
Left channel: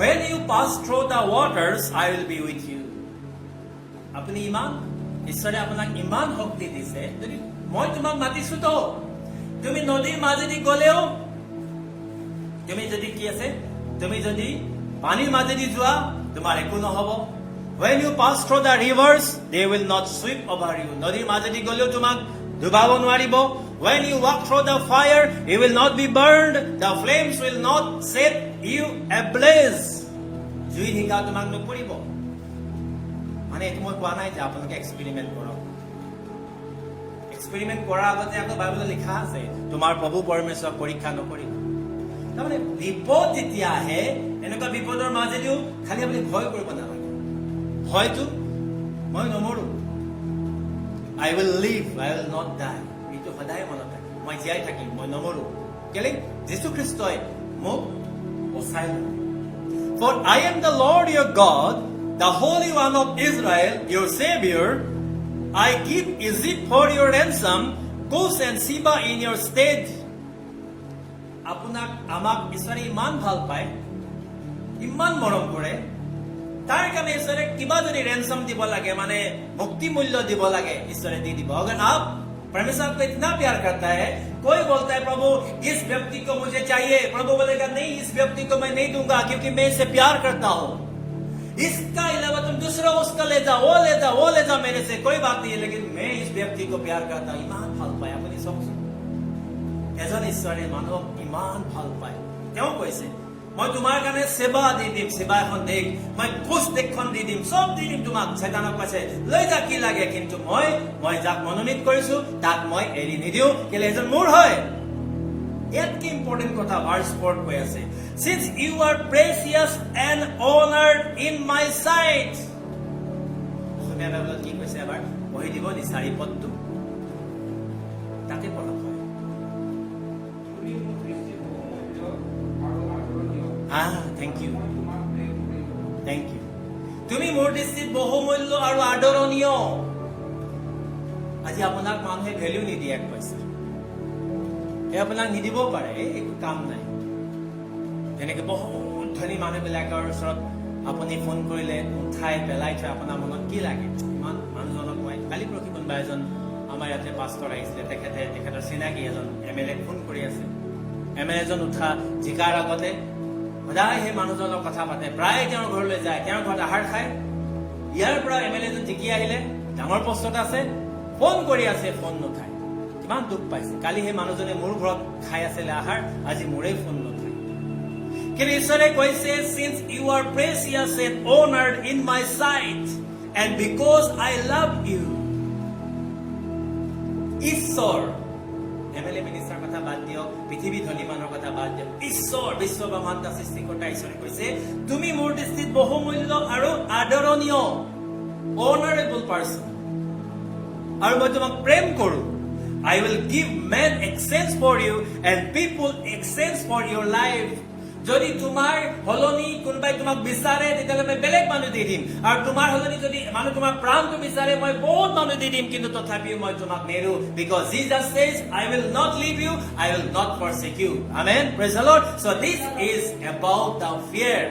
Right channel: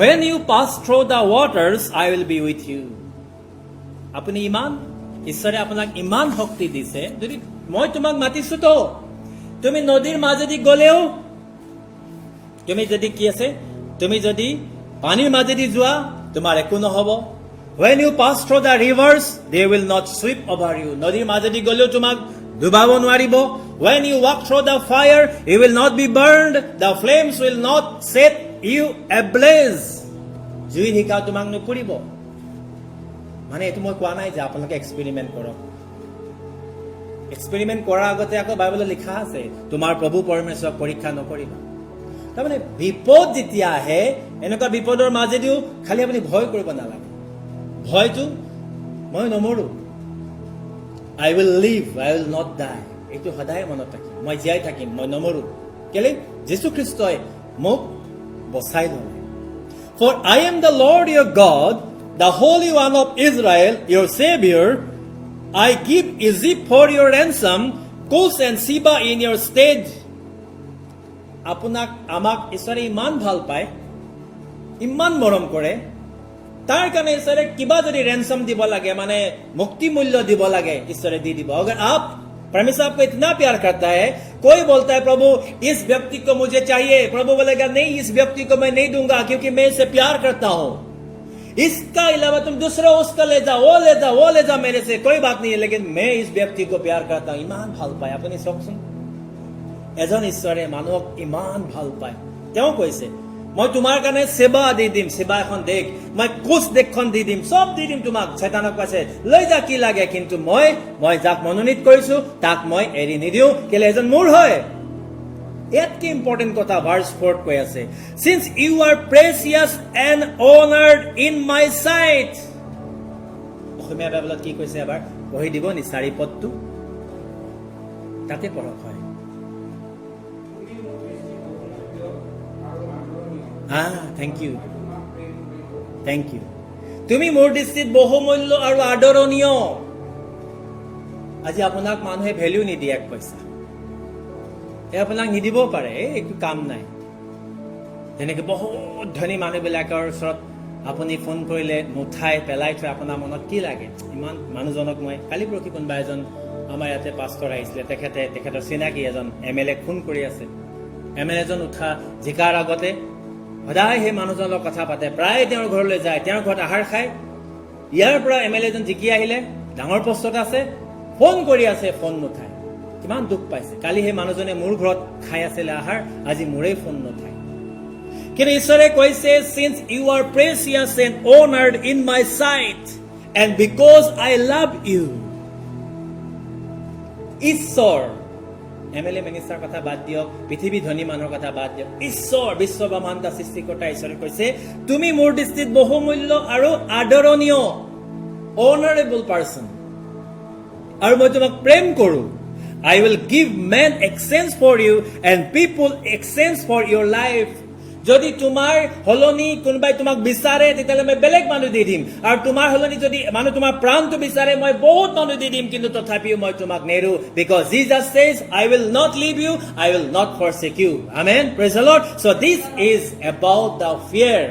When you pass through the waters, I will be with you. আপুনি ইমান, ঈশ্বৰে আপোনাক ইমান শক্তি দিছে, যদি মই তোমাক মাতিছো তো তুমি নদীৰ মাজেদি গলেও, তুমি যদি কি আছে, তুমি যদি পানীৰ মাজেদি যোৱা তোমাৰ একো নহব। When you pass through the rivers, they will not sweep over you. নদীৰ মাজেদি গলেও তোমাক ডুবাব নোৱাৰিব। When you walk through the fire, you will not be burned. The flames will not set you ablaze. জুই শিকা তোমাক নুপুৰিব। মানে এইটো মই কোৱা নাই যে আপোনালোকে এক্সপেৰিমেণ্ট কৰক। এক্সপেৰিমেণ্ট কৰাৰ আগতে আকৌ বাইবেলত লিখা আছে তোমাৰ প্ৰভু পৰমেশ্বৰক পৰীক্ষা নকৰিবা। তাৰমানে বিপদ যেতিয়া আহে, এনেকুৱা বিপদৰ মাজেদিও খালি আপুনি ভয় কৰিব নালাগে। ভয়টো মই নমৰো, I will live, I will not die, এইটো সদায় মনত ৰাখিব। মই জীয়াই থাকিম, মই নমৰো। কেলে যীশুখ্ৰীষ্টই মোক বচাই ল'লে। For I am the Lord your God, the Holy One of Israel, your Savior. I give Egypt for your ransom, Cush and Sheba in your stead. আমাক ঈশ্বৰে ইমান ভাল পায়, ইমান মৰম কৰে, তাৰ কাৰণে ঈশ্বৰে কিবা যদি ৰেনচম দিব লাগে, মানে মুক্তি মূল্য দিব লাগে, ঈশ্বৰে দি দিব। अगर आप परमेश्वर आपको इतना प्यार करता है, कोई बोलता है प्रभु इस व्यक्ति को मुझे चाहिए, प्रभु बोलेगा नहीं, इस व्यक्ति को मैं नहीं दूंगा क्योंकि मैं इसे प्यार करता हूं। इसका अलावा तुम दूसरा उसका ले जाओ, वो ले जाओ मेरे से, कोई बात नहीं है, लेकिन मैं इस व्यक्ति को प्यार करता हूं। ইমান ভাল পায়। আপুনি চাওকচোন, এজন ঈশ্বৰে মানুহক ইমান ভাল পায়। তেওঁ কৈছে মই তোমাৰ কাৰণে সেৱা দি দিম, সেৱা এখন দেশ, মই কুশ দেশখন দি দিম, সব দি দিম তোমাক। শয়তানক কৈছে লৈ যা, কি লাগে, কিন্তু মই যাক মনোনীত কৰিছো তাক মই এৰি নিদিওঁ, কেলে এজন মোৰ হয়। ইয়াতকে ইম্পৰ্টেণ্ট কথা ভাৰ্চ 4 কৈ আছে, since you are precious and honored in my sight। অসমীয়া বাইবেলত কি কৈছে এবাৰ পঢ়ি দিব নি? 4 পদটো তাতে পঢ়ক হয়। Thank you. তুমি মোৰ দৃষ্টিত বহুমূল্য আৰু আদৰণীয়। আজি আপোনাক মানুহে ভেলিউ নিদিয়ে, 1 পইচা আপোনাক নিদিবও পাৰে, একো কাম নাই। যেনেকে বহুত ধনী মানুহবিলাকৰ ওচৰত আপুনি ফোন কৰিলে নুঠাই পেলাই থৈ আপোনাৰ মনত কি লাগে? ইমান মানুহজনক মই কালি পৰহি কোনোবা এজন আমাৰ ইয়াতে পাষ্টৰ আহিছিলে, তেখেতৰ চিনাকি এজন MLA ফোন কৰি আছে। MLA জন উঠা জিকাৰ আগতে সদায় সেই মানুহজনৰ কথা পাতে, প্ৰায় তেওঁৰ ঘৰলৈ যায়, তেওঁৰ ঘৰত আহাৰ খায়। ইয়াৰ পৰা MLA জন জিকি আহিলে, ডাঙৰ পষ্টত আছে, ফোন কৰি আছে, ফোন নুঠায়। কিমান দুখ পাইছে। কালি সেই মানুহজনে মোৰ ঘৰত খাই আছিলে আহাৰ, আজি মোৰেই ফোন নুঠায়। কিন্তু ঈশ্বৰে কৈছে, since you are precious and honored in my sight and because I love you। ঈশ্বৰ, MLA মিনিষ্টাৰ কথা বাদ দিয়ক, পৃথিৱী ধনী মানুহৰ কথা বাদ দিয়ক, ঈশ্বৰ বিশ্ব ব্ৰহ্মাণ্ড সৃষ্টিকৰ্তা ঈশ্বৰে কৈছে তুমি মোৰ দৃষ্টিত বহুমূল্য আৰু আদৰণীয়, অনাৰেবল পাৰ্চন, আৰু মই তোমাক প্ৰেম কৰো। I will give men exchange for you and people exchange for your life। যদি তোমাৰ হলনি কোনোবাই তোমাক বিচাৰে তেতিয়াহ'লে মই বেলেগ মানুহ দি দিম, আৰু তোমাৰ হলনি যদি মানুহ তোমাৰ প্ৰাণটো বিচাৰে মই বহুত মানুহ দি দিম, কিন্তু তথাপিও মই তোমাক নেৰো। Because Jesus says, I will not leave you, I will not forsake you. Amen. Praise the Lord. So this is about the fear.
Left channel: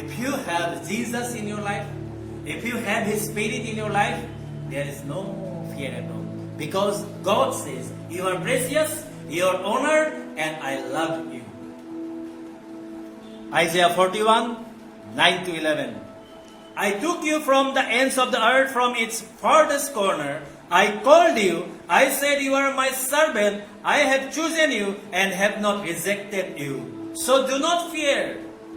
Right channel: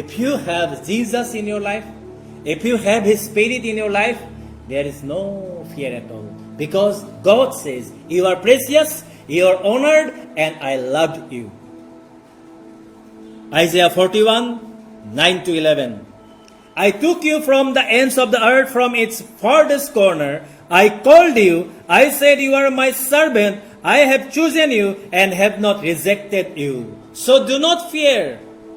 If you have Jesus in your life, if you have His Spirit in your life, there is no fear at all. Because God says, you are precious, you are honored, and I loved you. Isaiah 41, 9-11. I took you from the ends of the earth, from its farthest corner. I called you. I said, you are my servant. I have chosen you and have not rejected you. So do not fear,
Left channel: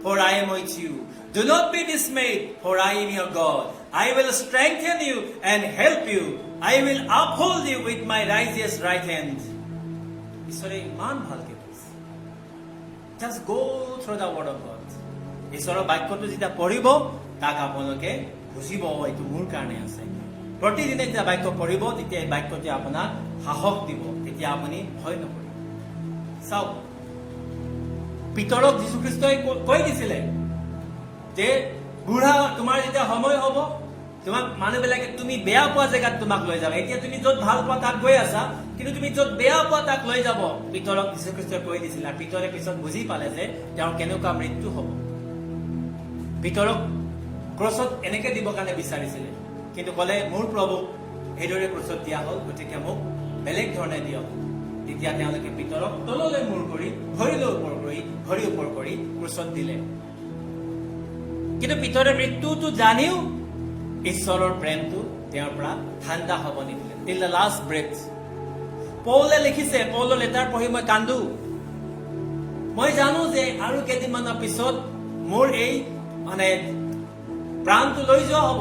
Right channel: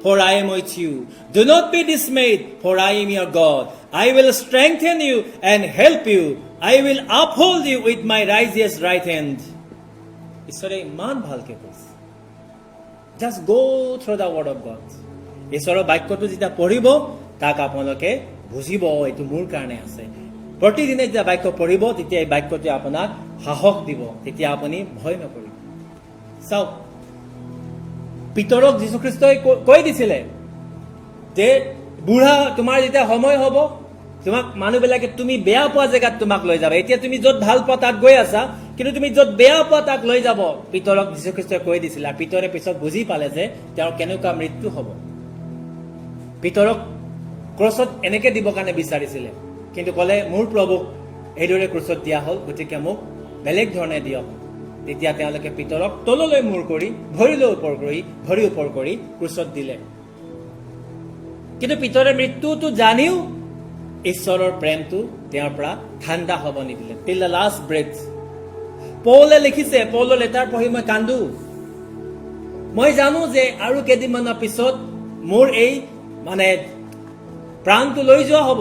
for I am with you. Do not be dismayed, for I am your God. I will strengthen you and help you. I will uphold you with my righteous right hand. ঈশ্বৰে ইমান ভালকে কৈছে। Just go through the word of God. ঈশ্বৰৰ বাক্যটো যেতিয়া পঢ়িব তাক আপোনালোকে বুজিব এইটো মোৰ কাৰণে আছে। প্ৰতিদিনে যেতিয়া বাক্য পঢ়িব তেতিয়া এই বাক্যটোৱে আপোনাক সাহস দিব, তেতিয়া আপুনি ভয় নকৰিব। চাওক, পিতৰক যীশুখ্ৰীষ্টই কৈ দিছিলে যে বুঢ়া তোমাৰ যেতিয়া সময় হ'ব তোমাক মানুহবিলাকে তুমি বেয়া পোৱা জেগাত তোমাক লৈ যাব। এতিয়া তুমি য'ত ভাল পোৱা তাত গৈ আছা, কিন্তু তুমি য'ত বেয়া পোৱা তাক লৈ যাব। পিতৰক যীশুখ্ৰীষ্টই কৈ দিছিল, আৰু পিতৰে পিছত বুজি পালে যে তেওঁৰ কেনেকুৱা মৃত্যু হ'ব। পিতৰক ক্ৰছত এনেকে দিবৰ কাৰণে বিচাৰিছিলে, কিন্তু ক'লে মোৰ প্ৰভুক এইদৰে ক্ৰছত দিয়া হ'ল, গতিকে মোক বেলেগ ধৰণে দিয়ক। তেতিয়া তেওঁলোকে পিতৰক তললৈ মূৰ কৰি ভৰি ওপৰ কৰি ক্ৰছত দিলে। কিন্তু পিতৰে মৃত্যুটো জানিও ঈশ্বৰৰ প্ৰেমটো তেওঁৰ পৰা ঠাণ্ডা হ'ব নিদিলে। টিল দ্য লাষ্ট ব্ৰেথ। পৌলে লিখিছে, পৌলৰ লেটাৰ পঢ়ি মই কান্দো। মই জানো যে আৰু কেইদিনমানৰ পিছত মোৰ এই প্ৰাণটো লৈ যোৱা হ'ব,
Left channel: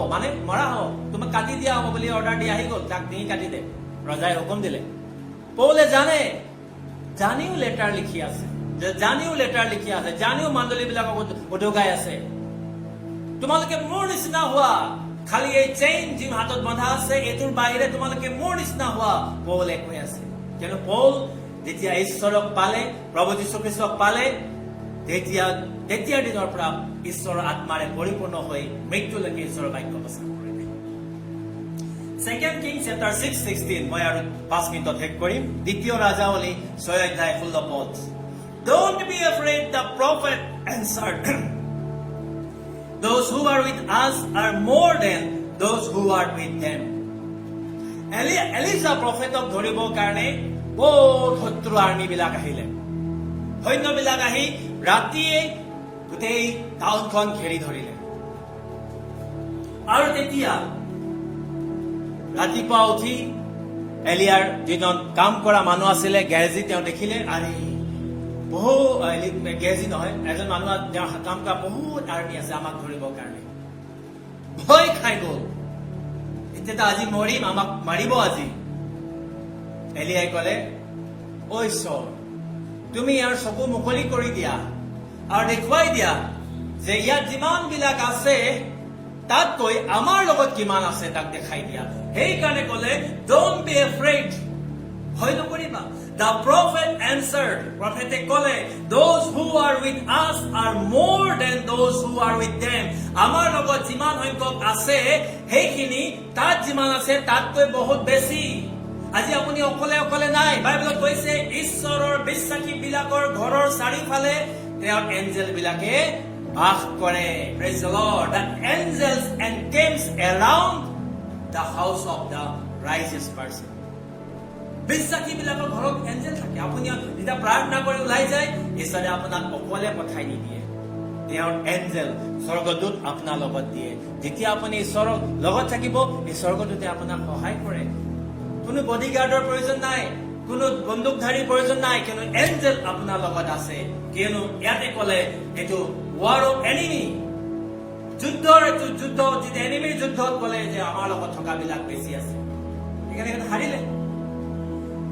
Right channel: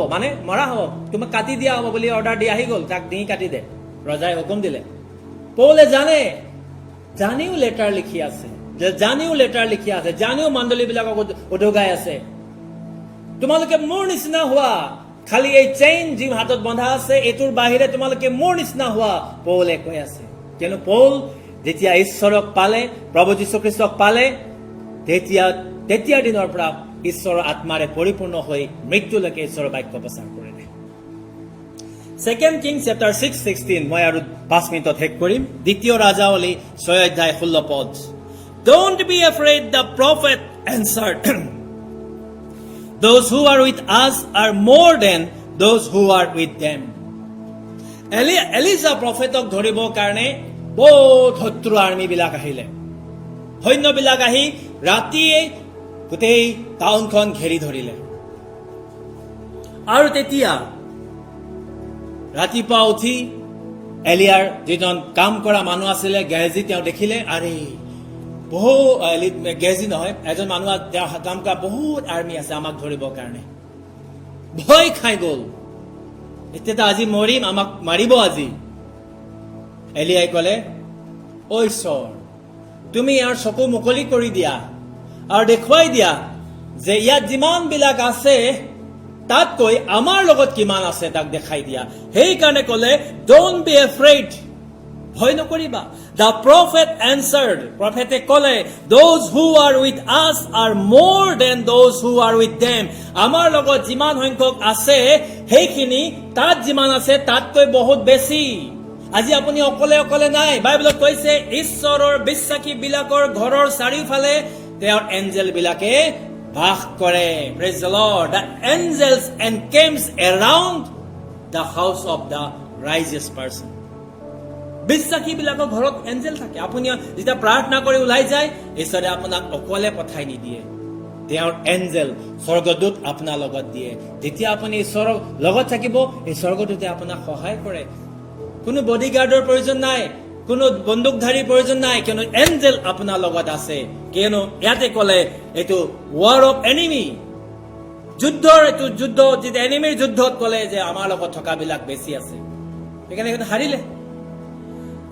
মৰা হ'ব, তোমাক কাটি দিয়া হ'ব বুলি অৰ্ডাৰ দি আহি গ'ল, তাক ডিঙি কাটি দে, ৰজাই হুকুম দিলে। পৌলে জানিও লেটাৰ লিখি আছে, জানিও মণ্ডলীবিলাকক উদগাই আছে, তোমালোকে মোৰ নিচিনা হোৱা, খালি এই চেইন যি হাতত বন্ধা আছে এইটোৰ বাহিৰে তোমালোকে মোৰ নিচিনা হোৱা, পৌলে কৈ আছে। কিয়নো পৌল যেতিয়া ঈশ্বৰক পালে, প্ৰভু যীশুখ্ৰীষ্টক পালে, তেতিয়াৰ দিনৰ পৰা ঈশ্বৰৰ আত্মাৰে পৰিপূৰ্ণ হৈ মৃত্যুলৈকে ঈশ্বৰৰ বাক্য প্ৰচাৰ কৰিলে। 2 Kings chapter 6:16 মই আৰু 5 মিনিটত শেষ কৰিম। দ্বিতীয় ৰাজাৱলী 6 অধ্যায় 16 পদ। Don't be afraid, the prophet answered. Those who are with us are more than those who are with them. Elijah প্ৰফেটক ধৰিবৰ কাৰণে বহুত শত্ৰু আৰ্মিবিলাক আহিলে। সৈন্যবিলাক আহি ৰাতিয়ে গোটেই টাউনখন ঘেৰি ধৰিলে। আৰু তেতিয়া ৰাতিপুৱা উঠি এলিয়াৰ যিজন কাম কৰা মানুহ আছিলে গেহাজী, তেওঁ দেখিলে আৰে গেহাজী নহয়, এজন মানুহ কাম কৰা বহুত আৰ্মি আছে আমাক ধৰিবৰ কাৰণে। ভয় খাই গ'ল, এতিয়া আজি মৰিম, আমাক মাৰিব আজি। এলিয়াই ক'লে, ঐ ঈশ্বৰ, তুমি ইয়াৰ চকু মুকলি কৰি দিয়া আৰু দেখুৱাই দিয়া যে ইয়াত যিমান বিলাক আছে তাতকৈ আমাৰ লগত কিমান আছে তাক দেখাই দিয়া। সেইকাৰণে ক'লে, ডোন্ট বি এফ্ৰেইড, ভয় নকৰিবা। The prophet answered, প্ৰফেটে ক'লে, those who are with us are more than those who are with them. আমাৰ লগত যিমান সংখ্যক আছে সেইখিনি তাত যিমান আছে তাতকৈ বহুত বেছি। আজি আপুনি অকলে অকলে নাই। বাইবেলত কৈছে ঈশ্বৰৰ বিশ্বাসী বিলাকৰ ঘৰৰ চাৰিওফালে তেওঁৰ এঞ্জেল বিলাকে বাস কৰে। Praise the Lord. The angels encamps around the house of the righteous person. বিশ্বাসী বিলাকৰ ঘৰত এঞ্জেল থাকে। আপুনি যেতিয়া প্ৰাৰ্থনা কৰি ওলাই যায়, ঈশ্বৰে আপোনাক অকলে পঠাই নিদিয়ে। তেওঁৰ এঞ্জেল স্বৰ্গদূত আপোনাৰ লগত দিয়ে। যেতিয়া আপুনি ঈশ্বৰৰ লগত থাকিব, এই স্বৰ্গদূতে আপোনাক সহায় কৰে। কোনো বডিগাৰ্ডৰ প্ৰয়োজন নাই, কোনো বন্দুকধাৰীৰ প্ৰয়োজন নাই, কিয়নো এঞ্জেল আপোনাৰ লগত আছে। কিয়নো ইয়াতে ক'লে এইটো ৱাৰ অফ এনিমি, এইটো যুদ্ধ, যেতিয়া এনিমিৰ যুদ্ধত ক'লে যে আমাৰ লগত থকা বিলাক বেছি আছে, সেইকাৰণে হাৰিলে।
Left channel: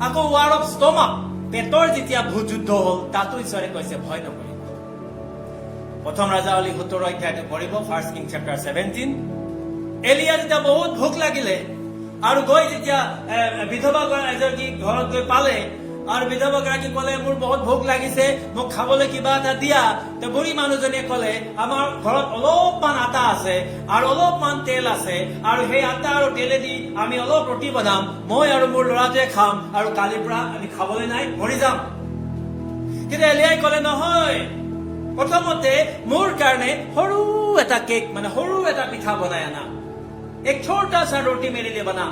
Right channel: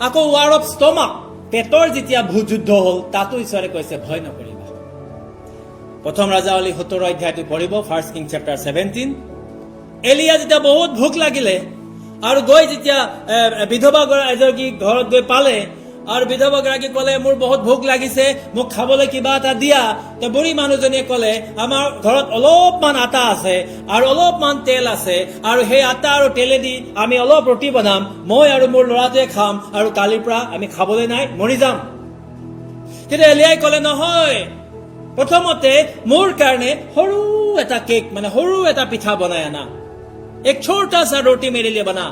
আকৌ ৱাৰ অফ ষ্টমাক, পেটৰ যেতিয়া যুদ্ধ হ'ল, তাতো ঈশ্বৰে কৈছে ভয় নকৰিবা। প্ৰথম ৰাজাৱলী 17 অধ্যায়টো পঢ়িব, 1 Kings chapter 17। এলিয়া যেতিয়া বহুত ভোক লাগিলে আৰু গৈ যেতিয়া বিধৱা এগৰাকী ঘৰত গৈ পালে আৰু বিধৱা গৰাকী ক'লে, মোৰ বহুত ভোক লাগিছে, মোক খাবলৈ কিবা এটা দিয়া। বুঢ়ী মানুহজনীয়ে ক'লে, আমাৰ ঘৰত অলপমান আটা আছে আৰু অলপমান তেল আছে, আৰু সেই আটা আৰু তেলেদি আমি অলপ ৰুটি বনাম, মই আৰু মোৰ ল'ৰাটোৱে খাম, আৰু কালিৰ পৰা আমি খাবলৈ নাই, মৰি যাম। কিন্তু এলিয়াই ক'লে, নহয়, প্ৰথমতে মোৰ কাৰণে সৰু এটা কেক, মানে সৰু এটা পিঠা বনাই আনা, एक छोटा सा रोटी मेरे लिए बना।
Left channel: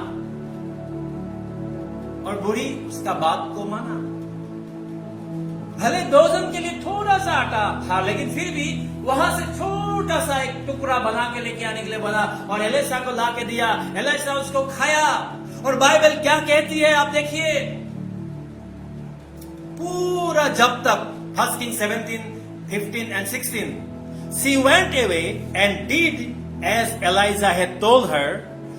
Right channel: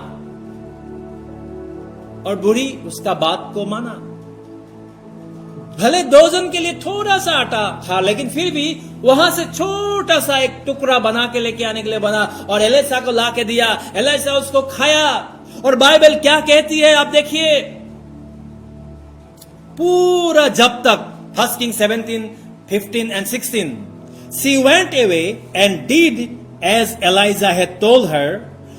और बुढ़ी उसका बात को माना। भले 2 जन के लिए थोड़ा सा आटा था, लेकिन फिर भी वहां से छोटा सा एक टुकड़ा बना के लेके आने के लिए बना और एलिसा को ला के दिया। एलिसा उसको खाया। और बाइबल क्या कहती है आप देखिए, पूरा जब तक 1 Kings 17, 15 and 16, she went away and did as Elijah had told her.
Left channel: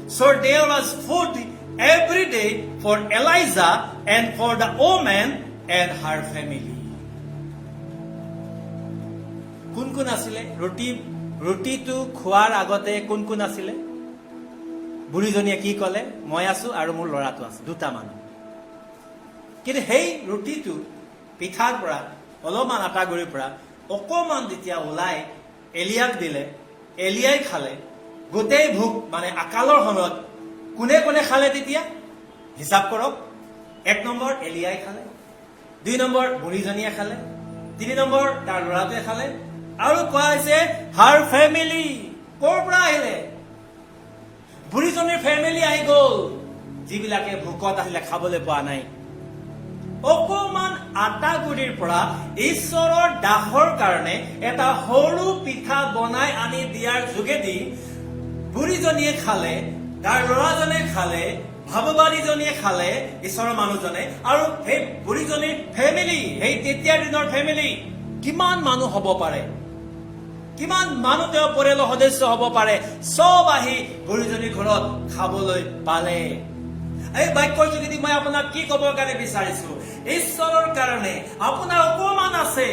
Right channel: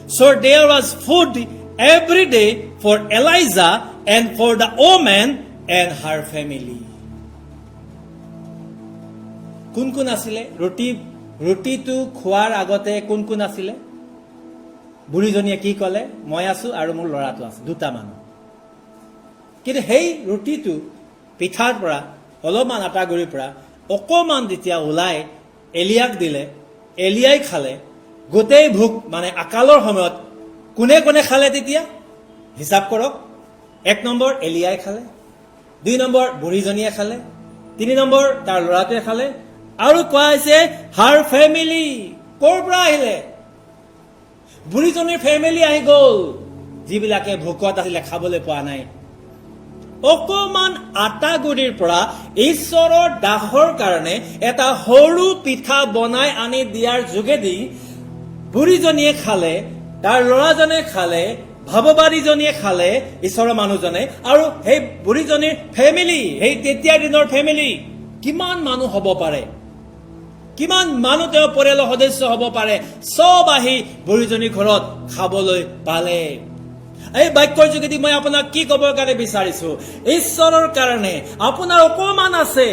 So there was food every day for Elijah and for the woman and her family. কোন কোন আছিলে? ৰুটিটো খোৱাৰ আগতে কোন কোন আছিলে? বুঢ়ীজনীয়ে কি ক'লে? মই আছো আৰু মোৰ ল'ৰাটো আছে, 2টা মানুহ। কিন্তু সেই ৰুটিটো পিঠাৰ পৰা, অলপমান আটা গুৰিৰ পৰা অকমান যেতিয়া ওলাই এলিয়াক দিলে, এলিয়াই খালে। গোটেই ভোক, মানে আকালৰ সময়ত কোনে কোনে খালে তেতিয়া হিচাপ কৰক। 1 নম্বৰ এলিয়াই খালে, 2 নম্বৰ বুঢ়ীজনীয়ে খালে, 3 নম্বৰ তাৰ ল'ৰাটোৱে খালে, আৰু কোৱা হৈছে হাৰ ফেমিলি। ক'ৰ পৰা আহিলে? বুঢ়ীজনীৰ ফেমিলি আহি গ'ল, যিবিলাকে ভোকত আছিলে, খাবলৈ পোৱা নাই। অকমান আটা গুৰিৰ পৰা ঈশ্বৰৰ দাহৰ কাৰণে এটা সৰু পিঠা বনাই আনি দিয়াৰ যোগেদি বুঢ়ীজনীয়ে খালে, তাৰ ল'ৰাজনে খালে, ভাৱবাদীজনীয়ে খালে, ঈশ্বৰৰ মানুহজনে, আৰু সেই বুঢ়ীজনীৰ ফেমিলি, সেই তেতিয়াৰ দিনৰ ফেমিলি কিমান মানুহ হ'ব পাৰে, কিমান মানুহ তেওঁ পৰিয়ালৰ সদস্য হ'ব পাৰে, চব আহি বুঢ়ীজনীৰ ঘৰত খাবলৈ পালে। এই বাক্যৰ যোগেদি মই আপোনাক কি ক'বৰ কাৰণে বিচাৰিছো, ঈশ্বৰৰ কাৰণে আপোনাৰ অকমান আছে,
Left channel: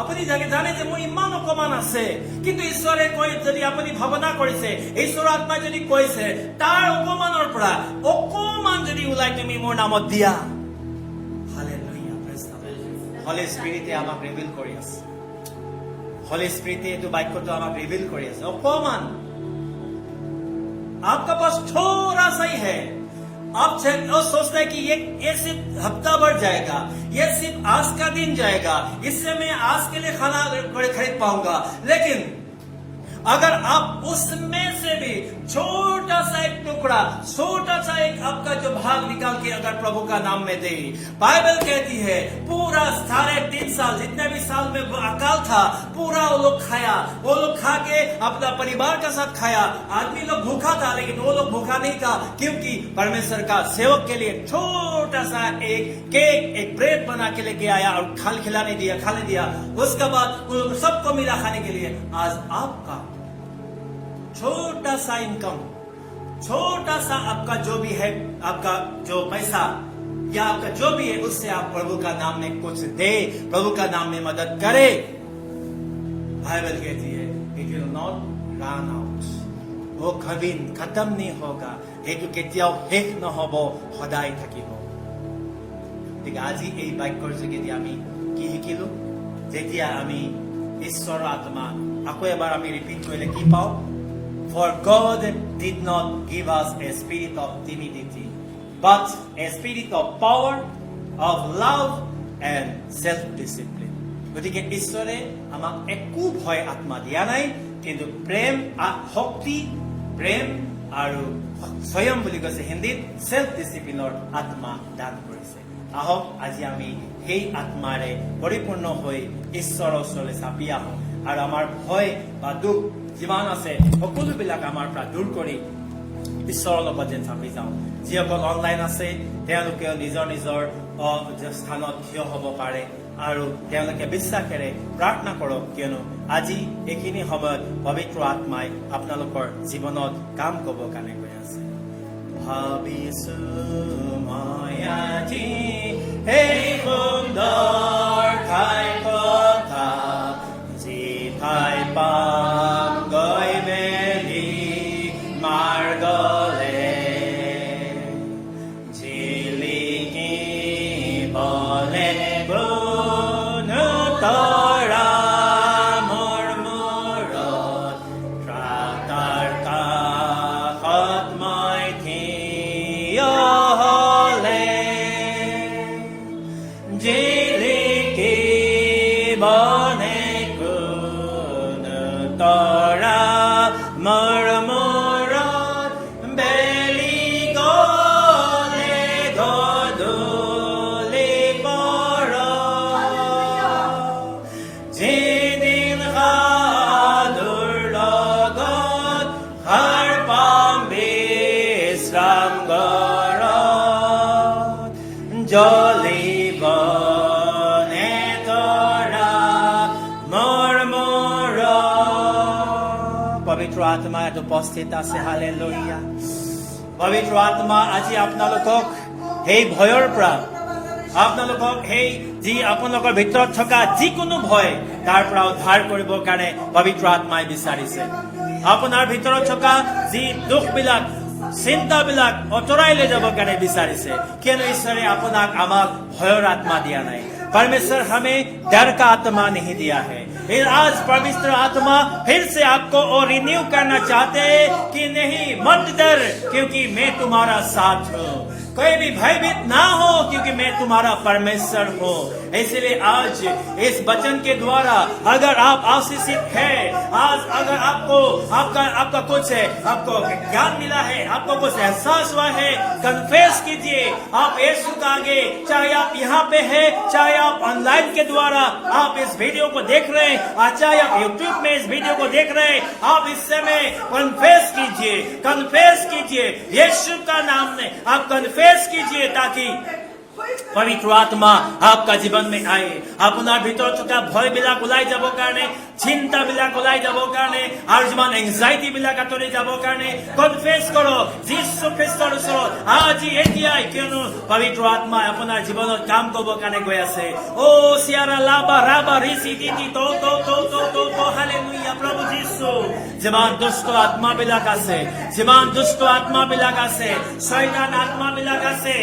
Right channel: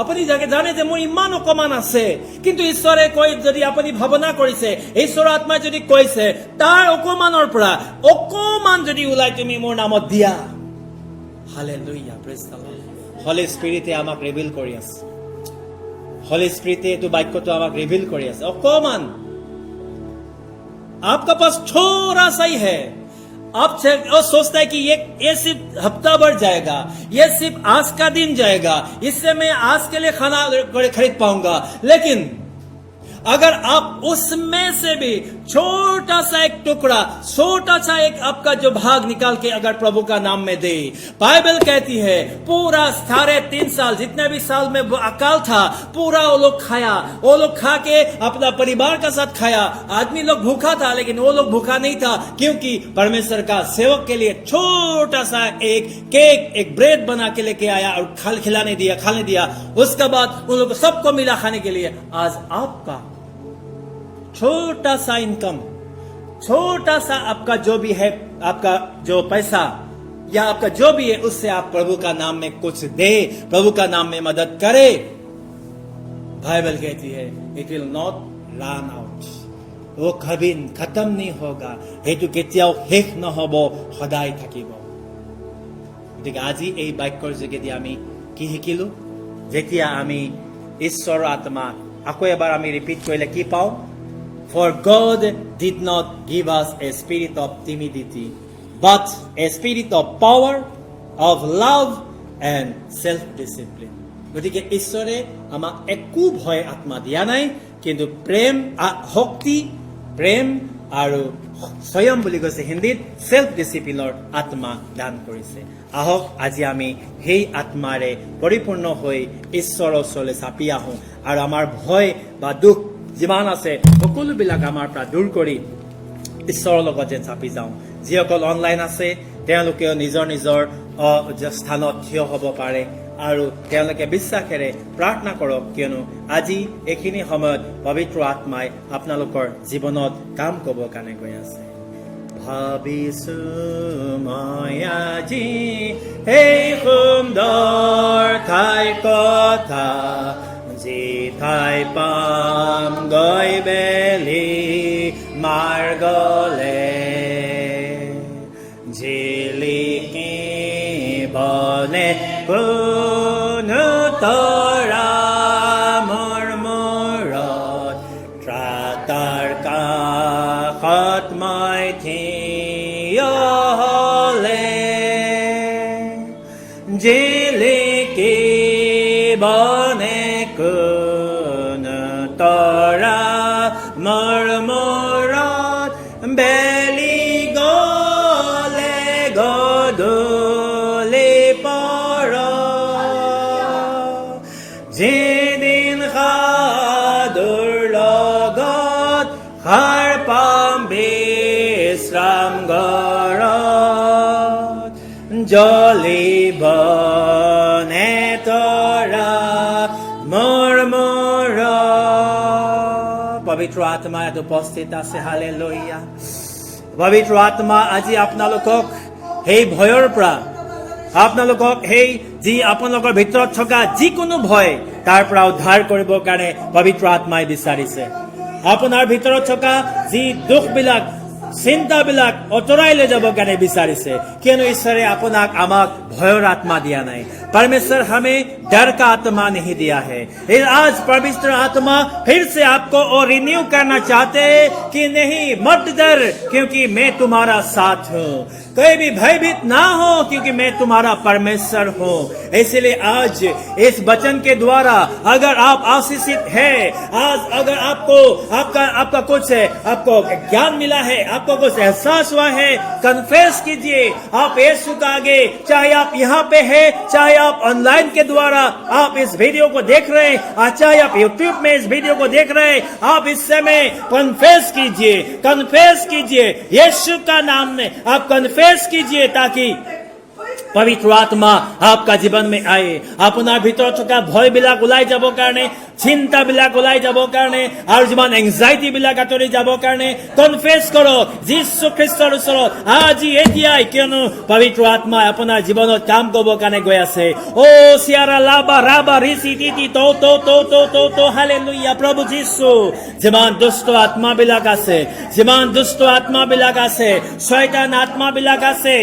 আপুনি জানে যে মোৰ ইমান অকমান আছে, কিন্তু ঈশ্বৰে কৈ, যদি আপুনি ভাৱনা কৰিছে, ঈশ্বৰৰ আত্মাই যদি কৈছে, তাৰ অকমানৰ পৰা অকমান যদি ওলাই তুমি মোৰ নামত দিয়া, Hallelujah, praise the Lord. Holy Spirit আমাক ৰিভিল কৰি আছে। Holy Spirit এইটো বাক্যটো আমাক ৰিভিল কৰি আছে। অকমান आपका पास थोड़ा सा ही है, आप सोचता है कि ये सिर्फ हफ्ता भर जाएगा, ये सिर्फ आज का दिन जाएगा, इससे मैं आज के लिए खाना खरीद पाऊंगा। लेकिन अगर आप उसमें से भी छोटा सा एक टुकड़ा, छोटा सा एक आपका जो भाग निकाल के अगर प्रभु का नाम में दे, बाइबल कहती है पूरा 3.5 साल जितने भी साल में अकाल था, पूरा वो लोग खाया, वो लोग खा के अपना परिवार का साथ खाया। आदमी लोग भूखा था लेकिन वो लोग भूखा नहीं था, क्योंकि परमेश्वर का सेवक के लिए छोटा सा एक केक, एक ब्रेड बना के लेके आया और खाने दिया। उसके बाद उन लोग सबको मिला खाने के लिए। आज आपका छोटा सा इनकम, छोटा सा आपका जो भी है, आपका जो पैसा या आपका जो भी है, उससे आप प्रभु का नाम में कुछ दे, प्रभु का नाम में मदद करे। बाइबल कहती है it will not run out, वो कभी खत्म नहीं होगा, हेतु केতিয়াও শেষ নহব, সদায় থাকিব। গতিকে আজি এই বাক্যৰ যোগেদি আমি কি শিকিলো? যেতিয়া আমি ঈশ্বৰৰ আত্মা আকৌ এবাৰ আমি ৰিপিট কৰিলে কি পাওঁ? For God did not give us a spirit of timidity, but a spirit of power, of love and self-discipline. গতিকে ঈশ্বৰে আমাক একো ভয় আত্মা দিয়া নাই, কিন্তু প্ৰেম, শক্তি, প্ৰেম আৰু স্বয়ং বুলি কৈছে হিন্দীত সেলফ ডিসিপ্লিনৰ আত্মা দান কৰিছে। আহক আজি আমি সেই আত্মাৰে পৰিপূৰ্ণ হৈ ঈশ্বৰৰ ওচৰলৈ চাপি আহোঁ আৰু আমাৰ ভয় বা দুখ যিমান আছে সকলোবিলাক আমাৰ পৰা দূৰ কৰি ঈশ্বৰৰ লগত যেন চাপি যাওঁ। যিসকল অনলাইন আছে তেওঁলোকেও নিজৰ নিজৰ স্থানত থিয় হ'ব পাৰে আৰু তেওঁলোকে বিশ্বাসেৰে প্ৰাৰ্থনা কৰক, কিয়নো আজি এইখিনি সময়ত পবিত্ৰ আত্মাই আপোনালোকৰ জীৱনত কাম কৰিব কাৰণে গৈ আছে। ভাবিছো মই আজি সেই সুন্দৰ ঠাই কথা, যি ঠাই পাম গৈ বেলি মাৰ্গলে, জিলিকিবলে কোনো তৰা মোৰ মূৰত, ত্ৰাতাৰ কাষত মই থিয় হ'লে, জিলিকিবনে কোনো তৰা মোৰ মূৰত, বেলি গ'লে গধূলি পৰ, যেদিন সাধুৰ লগত সাৰ পাম বিশ্ৰাম ঘৰত, জ্বলিবনে তৰা মোৰ মূৰত। পবিত্ৰ আত্মা ইয়াত উপস্থিত আছে। হালেলুয়া। পবিত্ৰ আত্মা আজি আপোনালোকক সেই ভয়ৰ পৰা, আপোনালোকক সেই যি আপোনালোকৰ ভিতৰত থকা যিকোনো ভয় তাৰ পৰা উদ্ধাৰ কৰিবৰ কাৰণে পবিত্ৰ আত্মাই বিচাৰিছে। আপোনাৰ ভিতৰত থকা যি দুখবিলাক, চিন্তাবিলাক আঁতৰাই লৈ যাব কাৰণে বিচাৰিছে, কিয়নো ঈশ্বৰে আপোনাক আমাক ভয়ৰ আত্মা দিয়া নাই। परमेश्वर हमें डर का आत्मा नहीं दिया है। आज पवित्र आत्मा फिर से आपको और रिन्यू करना चाहते हैं कि नहीं, मत डर क्योंकि मैं तुम्हारा साथ हूँ, कोई भी भयभीत ना हो क्योंकि मैं तुम्हारा परमेश्वर हूँ। इसलिए आज इस वचन के द्वारा अगर आप आशीषित है, आज अगर आपको आपका कुछ आपको ज्ञान मिला है, आपको कुछ एहसास हुआ है, कन्फेस कीजिए आप यीशु का आगे, चाहे आप यहाँ पे है, चाहे आप ऑनलाइन के द्वारा आप इस वीडियो को देख रहे हैं, चाहे आप यूट्यूब में इस वीडियो को देख रहे हैं, आप इस समय कन्फेस कीजिए यीशु का नाम में आप कन्फेस कीजिए, ताकि पवित्र आत्मा आपका जीवन में आए। আপোনাৰ ভিতৰত থকা ভয় বিলাক ওলাই যাব কাৰণে চিন্তাবিলাক ওলাই যাবৰ কাৰণে আৰু যিমান এংজাইটি বিলাক আঁতৰি যাবৰ কাৰণে কনফেছ কৰক যীশু খ্ৰীষ্টৰ ওচৰত আজি এতিয়াই, কিয়নো পবিত্ৰ আত্মাই আপোনাৰ জীৱনত কাম কৰিবৰ কাৰণে গৈ আছে। অ চিয়াৰা লাবা ৰাবা ৰিচি দিদি তো হালেলুয়া। প্ৰভু যীশু, যিমান দুষ্ট আত্মাবিলাক আছে, যিমান দুষ্ট আত্মাবিলাক আছে, শয়তান আত্মাবিলাক আছে,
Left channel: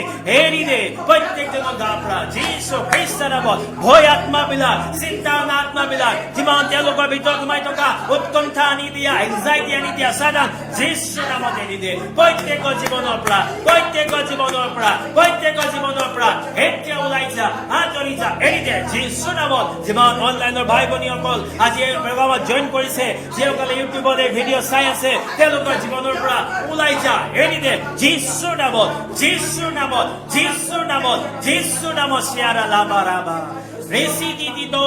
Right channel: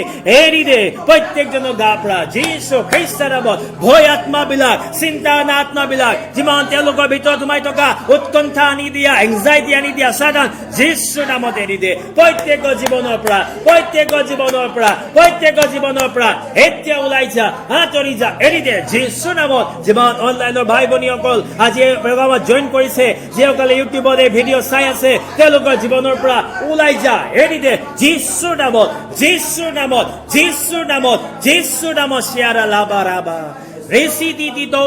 এৰি দে প্ৰত্যেকজনৰ গা পৰা যীশু খ্ৰীষ্টৰ নামত। ভয় আত্মাবিলাক, চিন্তা আত্মাবিলাক, যিমান তেওঁলোকৰ ভিতৰত সোমাই থকা উৎকণ্ঠা আনি দিয়া, এংজাইটি আনি দিয়া শয়তান যীশুৰ নামত এৰি দে প্ৰত্যেকৰ জীৱনৰ পৰা, প্ৰত্যেকৰ জীৱনৰ পৰা, প্ৰত্যেকৰ জীৱনৰ পৰা এতিয়া ওলাই যা, আঁতৰি যা, এৰি দে যীশুৰ নামত। যিমান অনলাইনৰ ভাই ভনীসকল আজি এই প্ৰগ্ৰামত জইন কৰিছে, যিসকলে ইউটিউবত এই ভিডিঅ' চাই আছে, তেওঁলোকৰ জীৱনৰ পৰা ওলাই যা, এৰি দে যীশুৰ নামত, যীশুৰ নামত, যীশুৰ নামত, যীশুৰ নামত। চিয়াৰা লাবা ৰাবা রেসি দিদি তো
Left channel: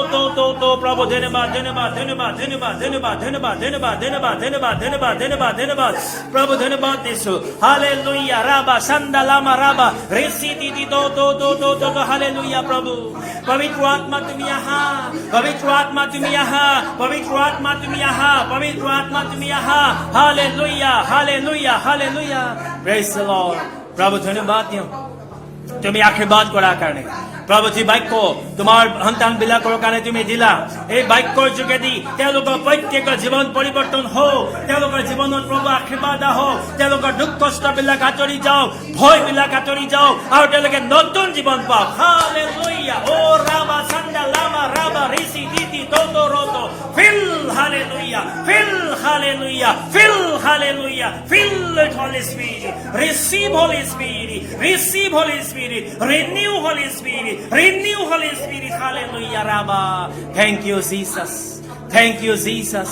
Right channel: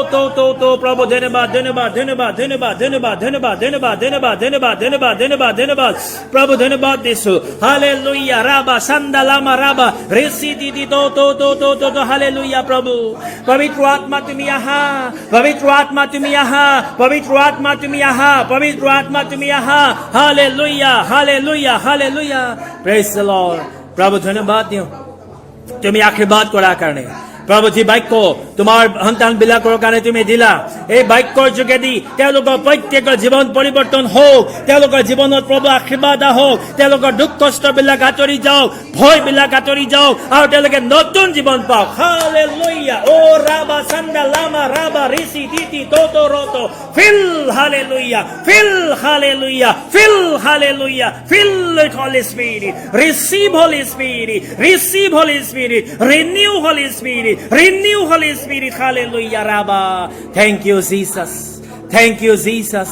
প্রভু ধন্যবাদ ধন্যবাদ ধন্যবাদ ধন্যবাদ ধন্যবাদ ধন্যবাদ ধন্যবাদ ধন্যবাদ ধন্যবাদ ধন্যবাদ ধন্যবাদ ধন্যবাদ প্রভু ধন্যবাদ দিছো। হালেলুয়া রাবা সান্দালামা রাবা রেসি দিদি তো হালেলুয়া। প্রভু পবিত্র আত্মা তুমি আহা, পবিত্র আত্মা তুমি আহা, পবিত্র আত্মা তুমি আহা, পবিত্র আত্মা তুমি আহা। Hallelujah hallelujah hallelujah. Praise the Lord. প্রভু ধন্যবাদ দিও তুমি আশীর্বাদ করার কারণে। প্ৰভু যি বাক্য তোমাৰ সন্তান বিলাকৰ কাৰণে তুমি দিলা, এই বাক্যৰ যোগেদি তেওঁলোকৰ প্ৰত্যেকৰ জীৱন পৰিৱৰ্তন হওক, তেওঁলোকৰ জীৱনত প্ৰভু আশীৰ্বাদ আহক, তেওঁলোকৰ দুখ কষ্ট বিলাক আঁতৰি যাওক, ভয় বিলাক আঁতৰি যাওক আৰু তেওঁলোকে নতুন জীৱন পাওক। হালেলুয়া। ও ৰাবা চান্দা লামা ৰাবা ৰিচি দিতি তো ৰতো fill hallelujah fill hallelujah fill hallelujah fill with Holy Spirit. Receive Holy Spirit, receive Holy Spirit, renew Holy Spirit, renew Holy Spirit. Hallelujah Rabba. Thank you Jesus, thank you Jesus,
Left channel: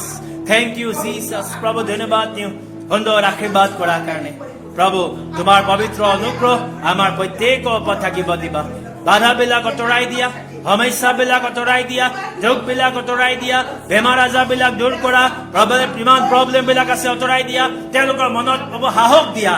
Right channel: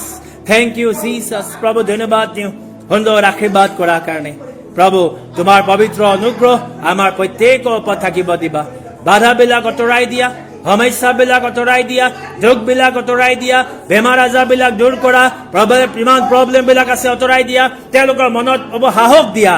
thank you Jesus. প্রভু ধন্যবাদ দিও সুন্দর আশীর্বাদ করার কারণে। প্রভু তোমার পবিত্র অনুগ্রহ আমার প্ৰত্যেকৰ ওপৰত থাকিব দিবা। বাধা বিলাক আঁতৰাই দিয়া, সমস্যা বিলাক আঁতৰাই দিয়া, দুখ বিলাক আঁতৰাই দিয়া, বেমাৰ আজাৰ বিলাক দূৰ কৰা, ইমান প্ৰব্লেম বিলাক আছে আঁতৰাই দিয়া, তেওঁলোকৰ মনত সাহস দিয়া,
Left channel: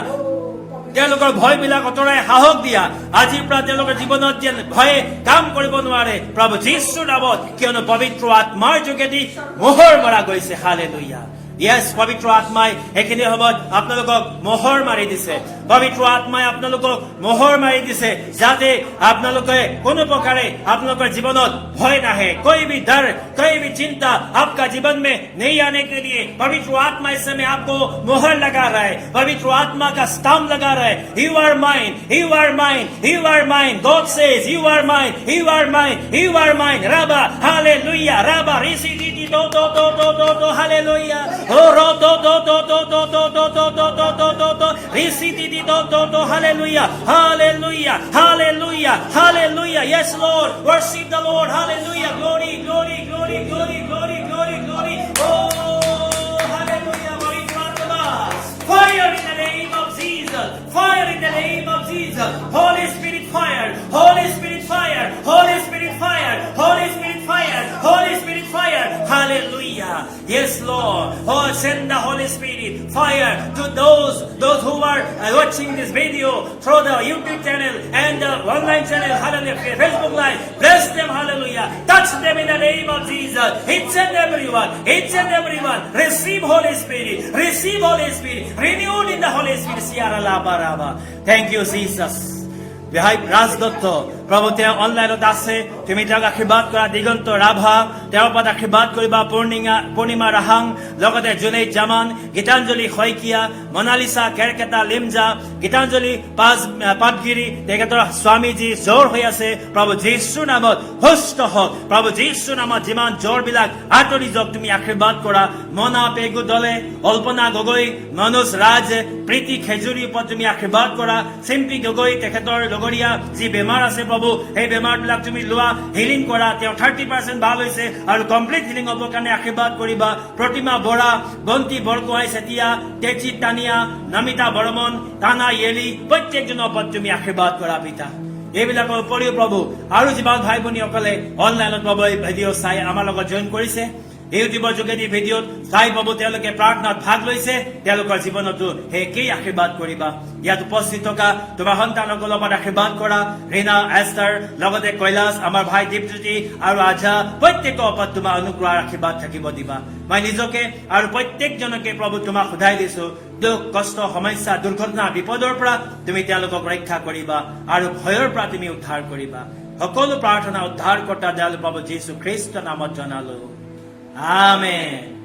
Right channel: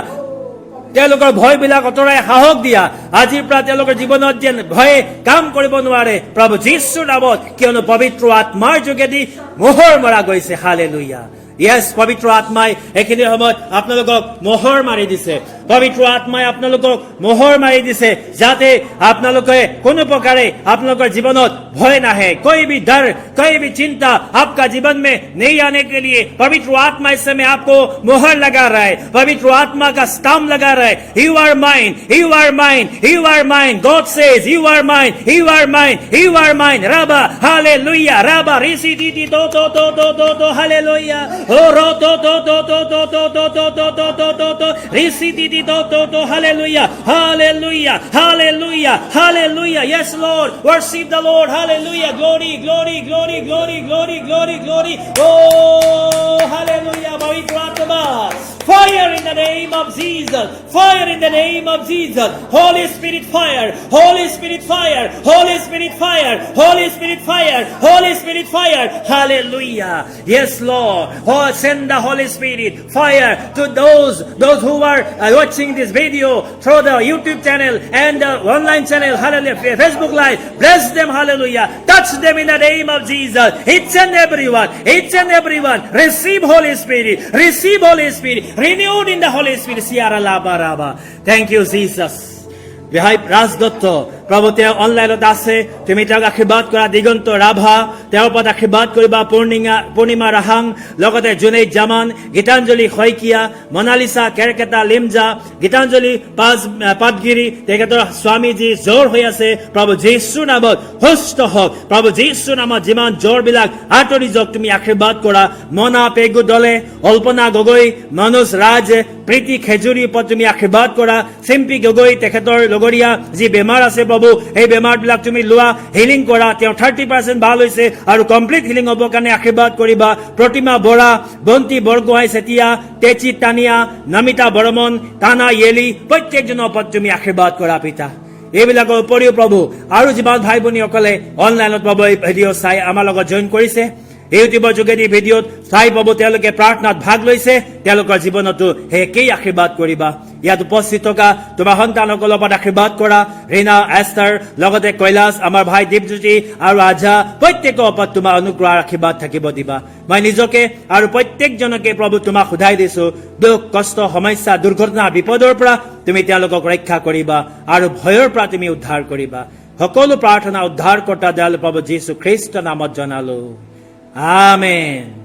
তেওঁলোকৰ ভয় বিলাক অতৰাই সাহস দিয়া। আজিৰ পৰা তেওঁলোকৰ জীৱনত যেন ভয়ে কাম কৰিব নোৱাৰে প্ৰভু যীশুৰ নামত, কিয়নো পবিত্ৰ আত্মাৰ যোগেদি মোহৰ মৰা গৈছে। হালেলুয়া। ইয়েস, পবিত্ৰ আত্মাই এইখিনি সময়ত আপোনালোকক মোহৰ মাৰি দিছে, পবিত্ৰ আত্মাই আপোনালোকক মোহৰ মাৰি দিছে, যাতে আপোনালোকে কোনো প্ৰকাৰে আপোনালোকৰ জীৱনত ভয় নাহে। कोई भी डर, कोई भी चिंता आपका जीवन में नहीं आने के लिए पवित्र आत्मा इस समय आपको मोहर लगा रहा है, पवित्र आत्मा का स्टैम्प लगा रहा है। You are mine, you are mine, you are mine. God says you are mine, you are mine, you are mine. Rabba, hallelujah. Rabba, risi di to hallelujah. Oh ro to risi di to hallelujah, hallelujah, hallelujah, hallelujah. Yes Lord, worship the Lord. Hallelujah. Glory, glory, glory, glory, glory, glory, glory. Oh hallelujah. পবিত্র আত্মা, fire in the name of Jesus, fire in the name of Jesus. Holy Spirit fire, Holy Spirit fire, Holy Spirit fire, Holy Spirit fire, Holy Spirit fire. Hallelujah. Yes Lord. Oh, send the Holy Spirit fire to those who are watching this video through the YouTube channel and the online channel. Hallelujah. Facebook live. Bless them. Hallelujah. Touch them in the name of Jesus. Each and everyone, each and everyone receive Holy Spirit, receive Holy Spirit, renewed in the Holy Spirit. Siara laba raba. Thank you Jesus. বিহাই ৰাজদত্ত প্ৰভু তেওঁ অনলাইনত আছে, তুমি তেওঁক আশীৰ্বাদ কৰা। দিগন্ত ৰাভা তেওঁৰ ওপৰত আশীৰ্বাদ কৰিবা। পূৰ্ণিমা ৰাহাং, লগতে জুনেইদ জামান, গীতাঞ্জলি শইকীয়া, মনালিছা কেৰকেটা লিমজা, গীতাঞ্জলি পাটগিৰি, তেখেতৰ স্বামীজী জ্বৰ হৈ আছে, প্ৰভু যীশুৰ নামত সুস্থ হওক। প্ৰভু যীশুৰ নামত যিমান জ্বৰবিলাক আঁতৰি যাওক তুমি আশীৰ্বাদ কৰা। মনা পেগু দলে, অল্পনা গগৈ, মনোজ ৰাজ, প্ৰীতি খেজুৰীৰ ওপৰত তুমি আশীৰ্বাদ কৰা। চিম্পী গগৈ তেখেতৰ লগৰীয়া যি বেমাৰ আছে প্ৰভু, এই বেমাৰবিলাক তুমি লোৱা, হিলিং কৰা। তেওঁ 30% ভাল হৈছে আৰু কমপ্লিট হিলিং হ'ব কাৰণে আশীৰ্বাদ কৰিবা। প্ৰতিমা বৰা, বন্তি বৰগোহাঁই চেতিয়া, তেচি টানিয়া, নমিতা বৰ্মন, তানা য়েলি, প্ৰত্যেকজনৰ ওপৰত তুমি আশীৰ্বাদ কৰা পিতা। এইবিলাকৰ উপৰিও প্ৰভু আৰু যিমান ভাই ভনীসকলে অনলাইনত প্ৰভু এই ভিডিঅ' চাই আমাৰ লগত জইন কৰিছে, ইউটিউবৰ যোগেদি ভিডিঅ'ত চাই পাব, তেওঁলোকে প্ৰাৰ্থনাত ভাগ লৈছে, তেওঁলোকৰ জীৱনতো সেই একেই আশীৰ্বাদ কৰিবা। ইয়াত উপস্থিত থকা তোমাৰ সন্তানসকলৰ ওপৰত আশীৰ্বাদ কৰা ৰীনা এষ্টাৰ লগতে কৈলাশ আমাৰ ভাই দীপজ্যোতি আৰু আজা প্ৰত্যেকৰ ওপৰত তোমাৰ অনুগ্ৰহ আশীৰ্বাদ থাকিব দিবা মই নিজকে আৰু প্ৰত্যেকজনকে প্ৰভু তোমাক সোধাই দিছো দুখ কষ্ট সমস্যা দুৰ্ঘটনা বিপদৰ পৰা তুমি তেওঁলোকক ৰক্ষা কৰিবা আৰু ভয়ৰ পৰা তুমি উদ্ধাৰ কৰিবা সকলো প্ৰাৰ্থনা উদ্ধাৰকৰ্তা দয়ালু প্ৰভু যীশু খ্ৰীষ্টৰ নামত জনালো আমেন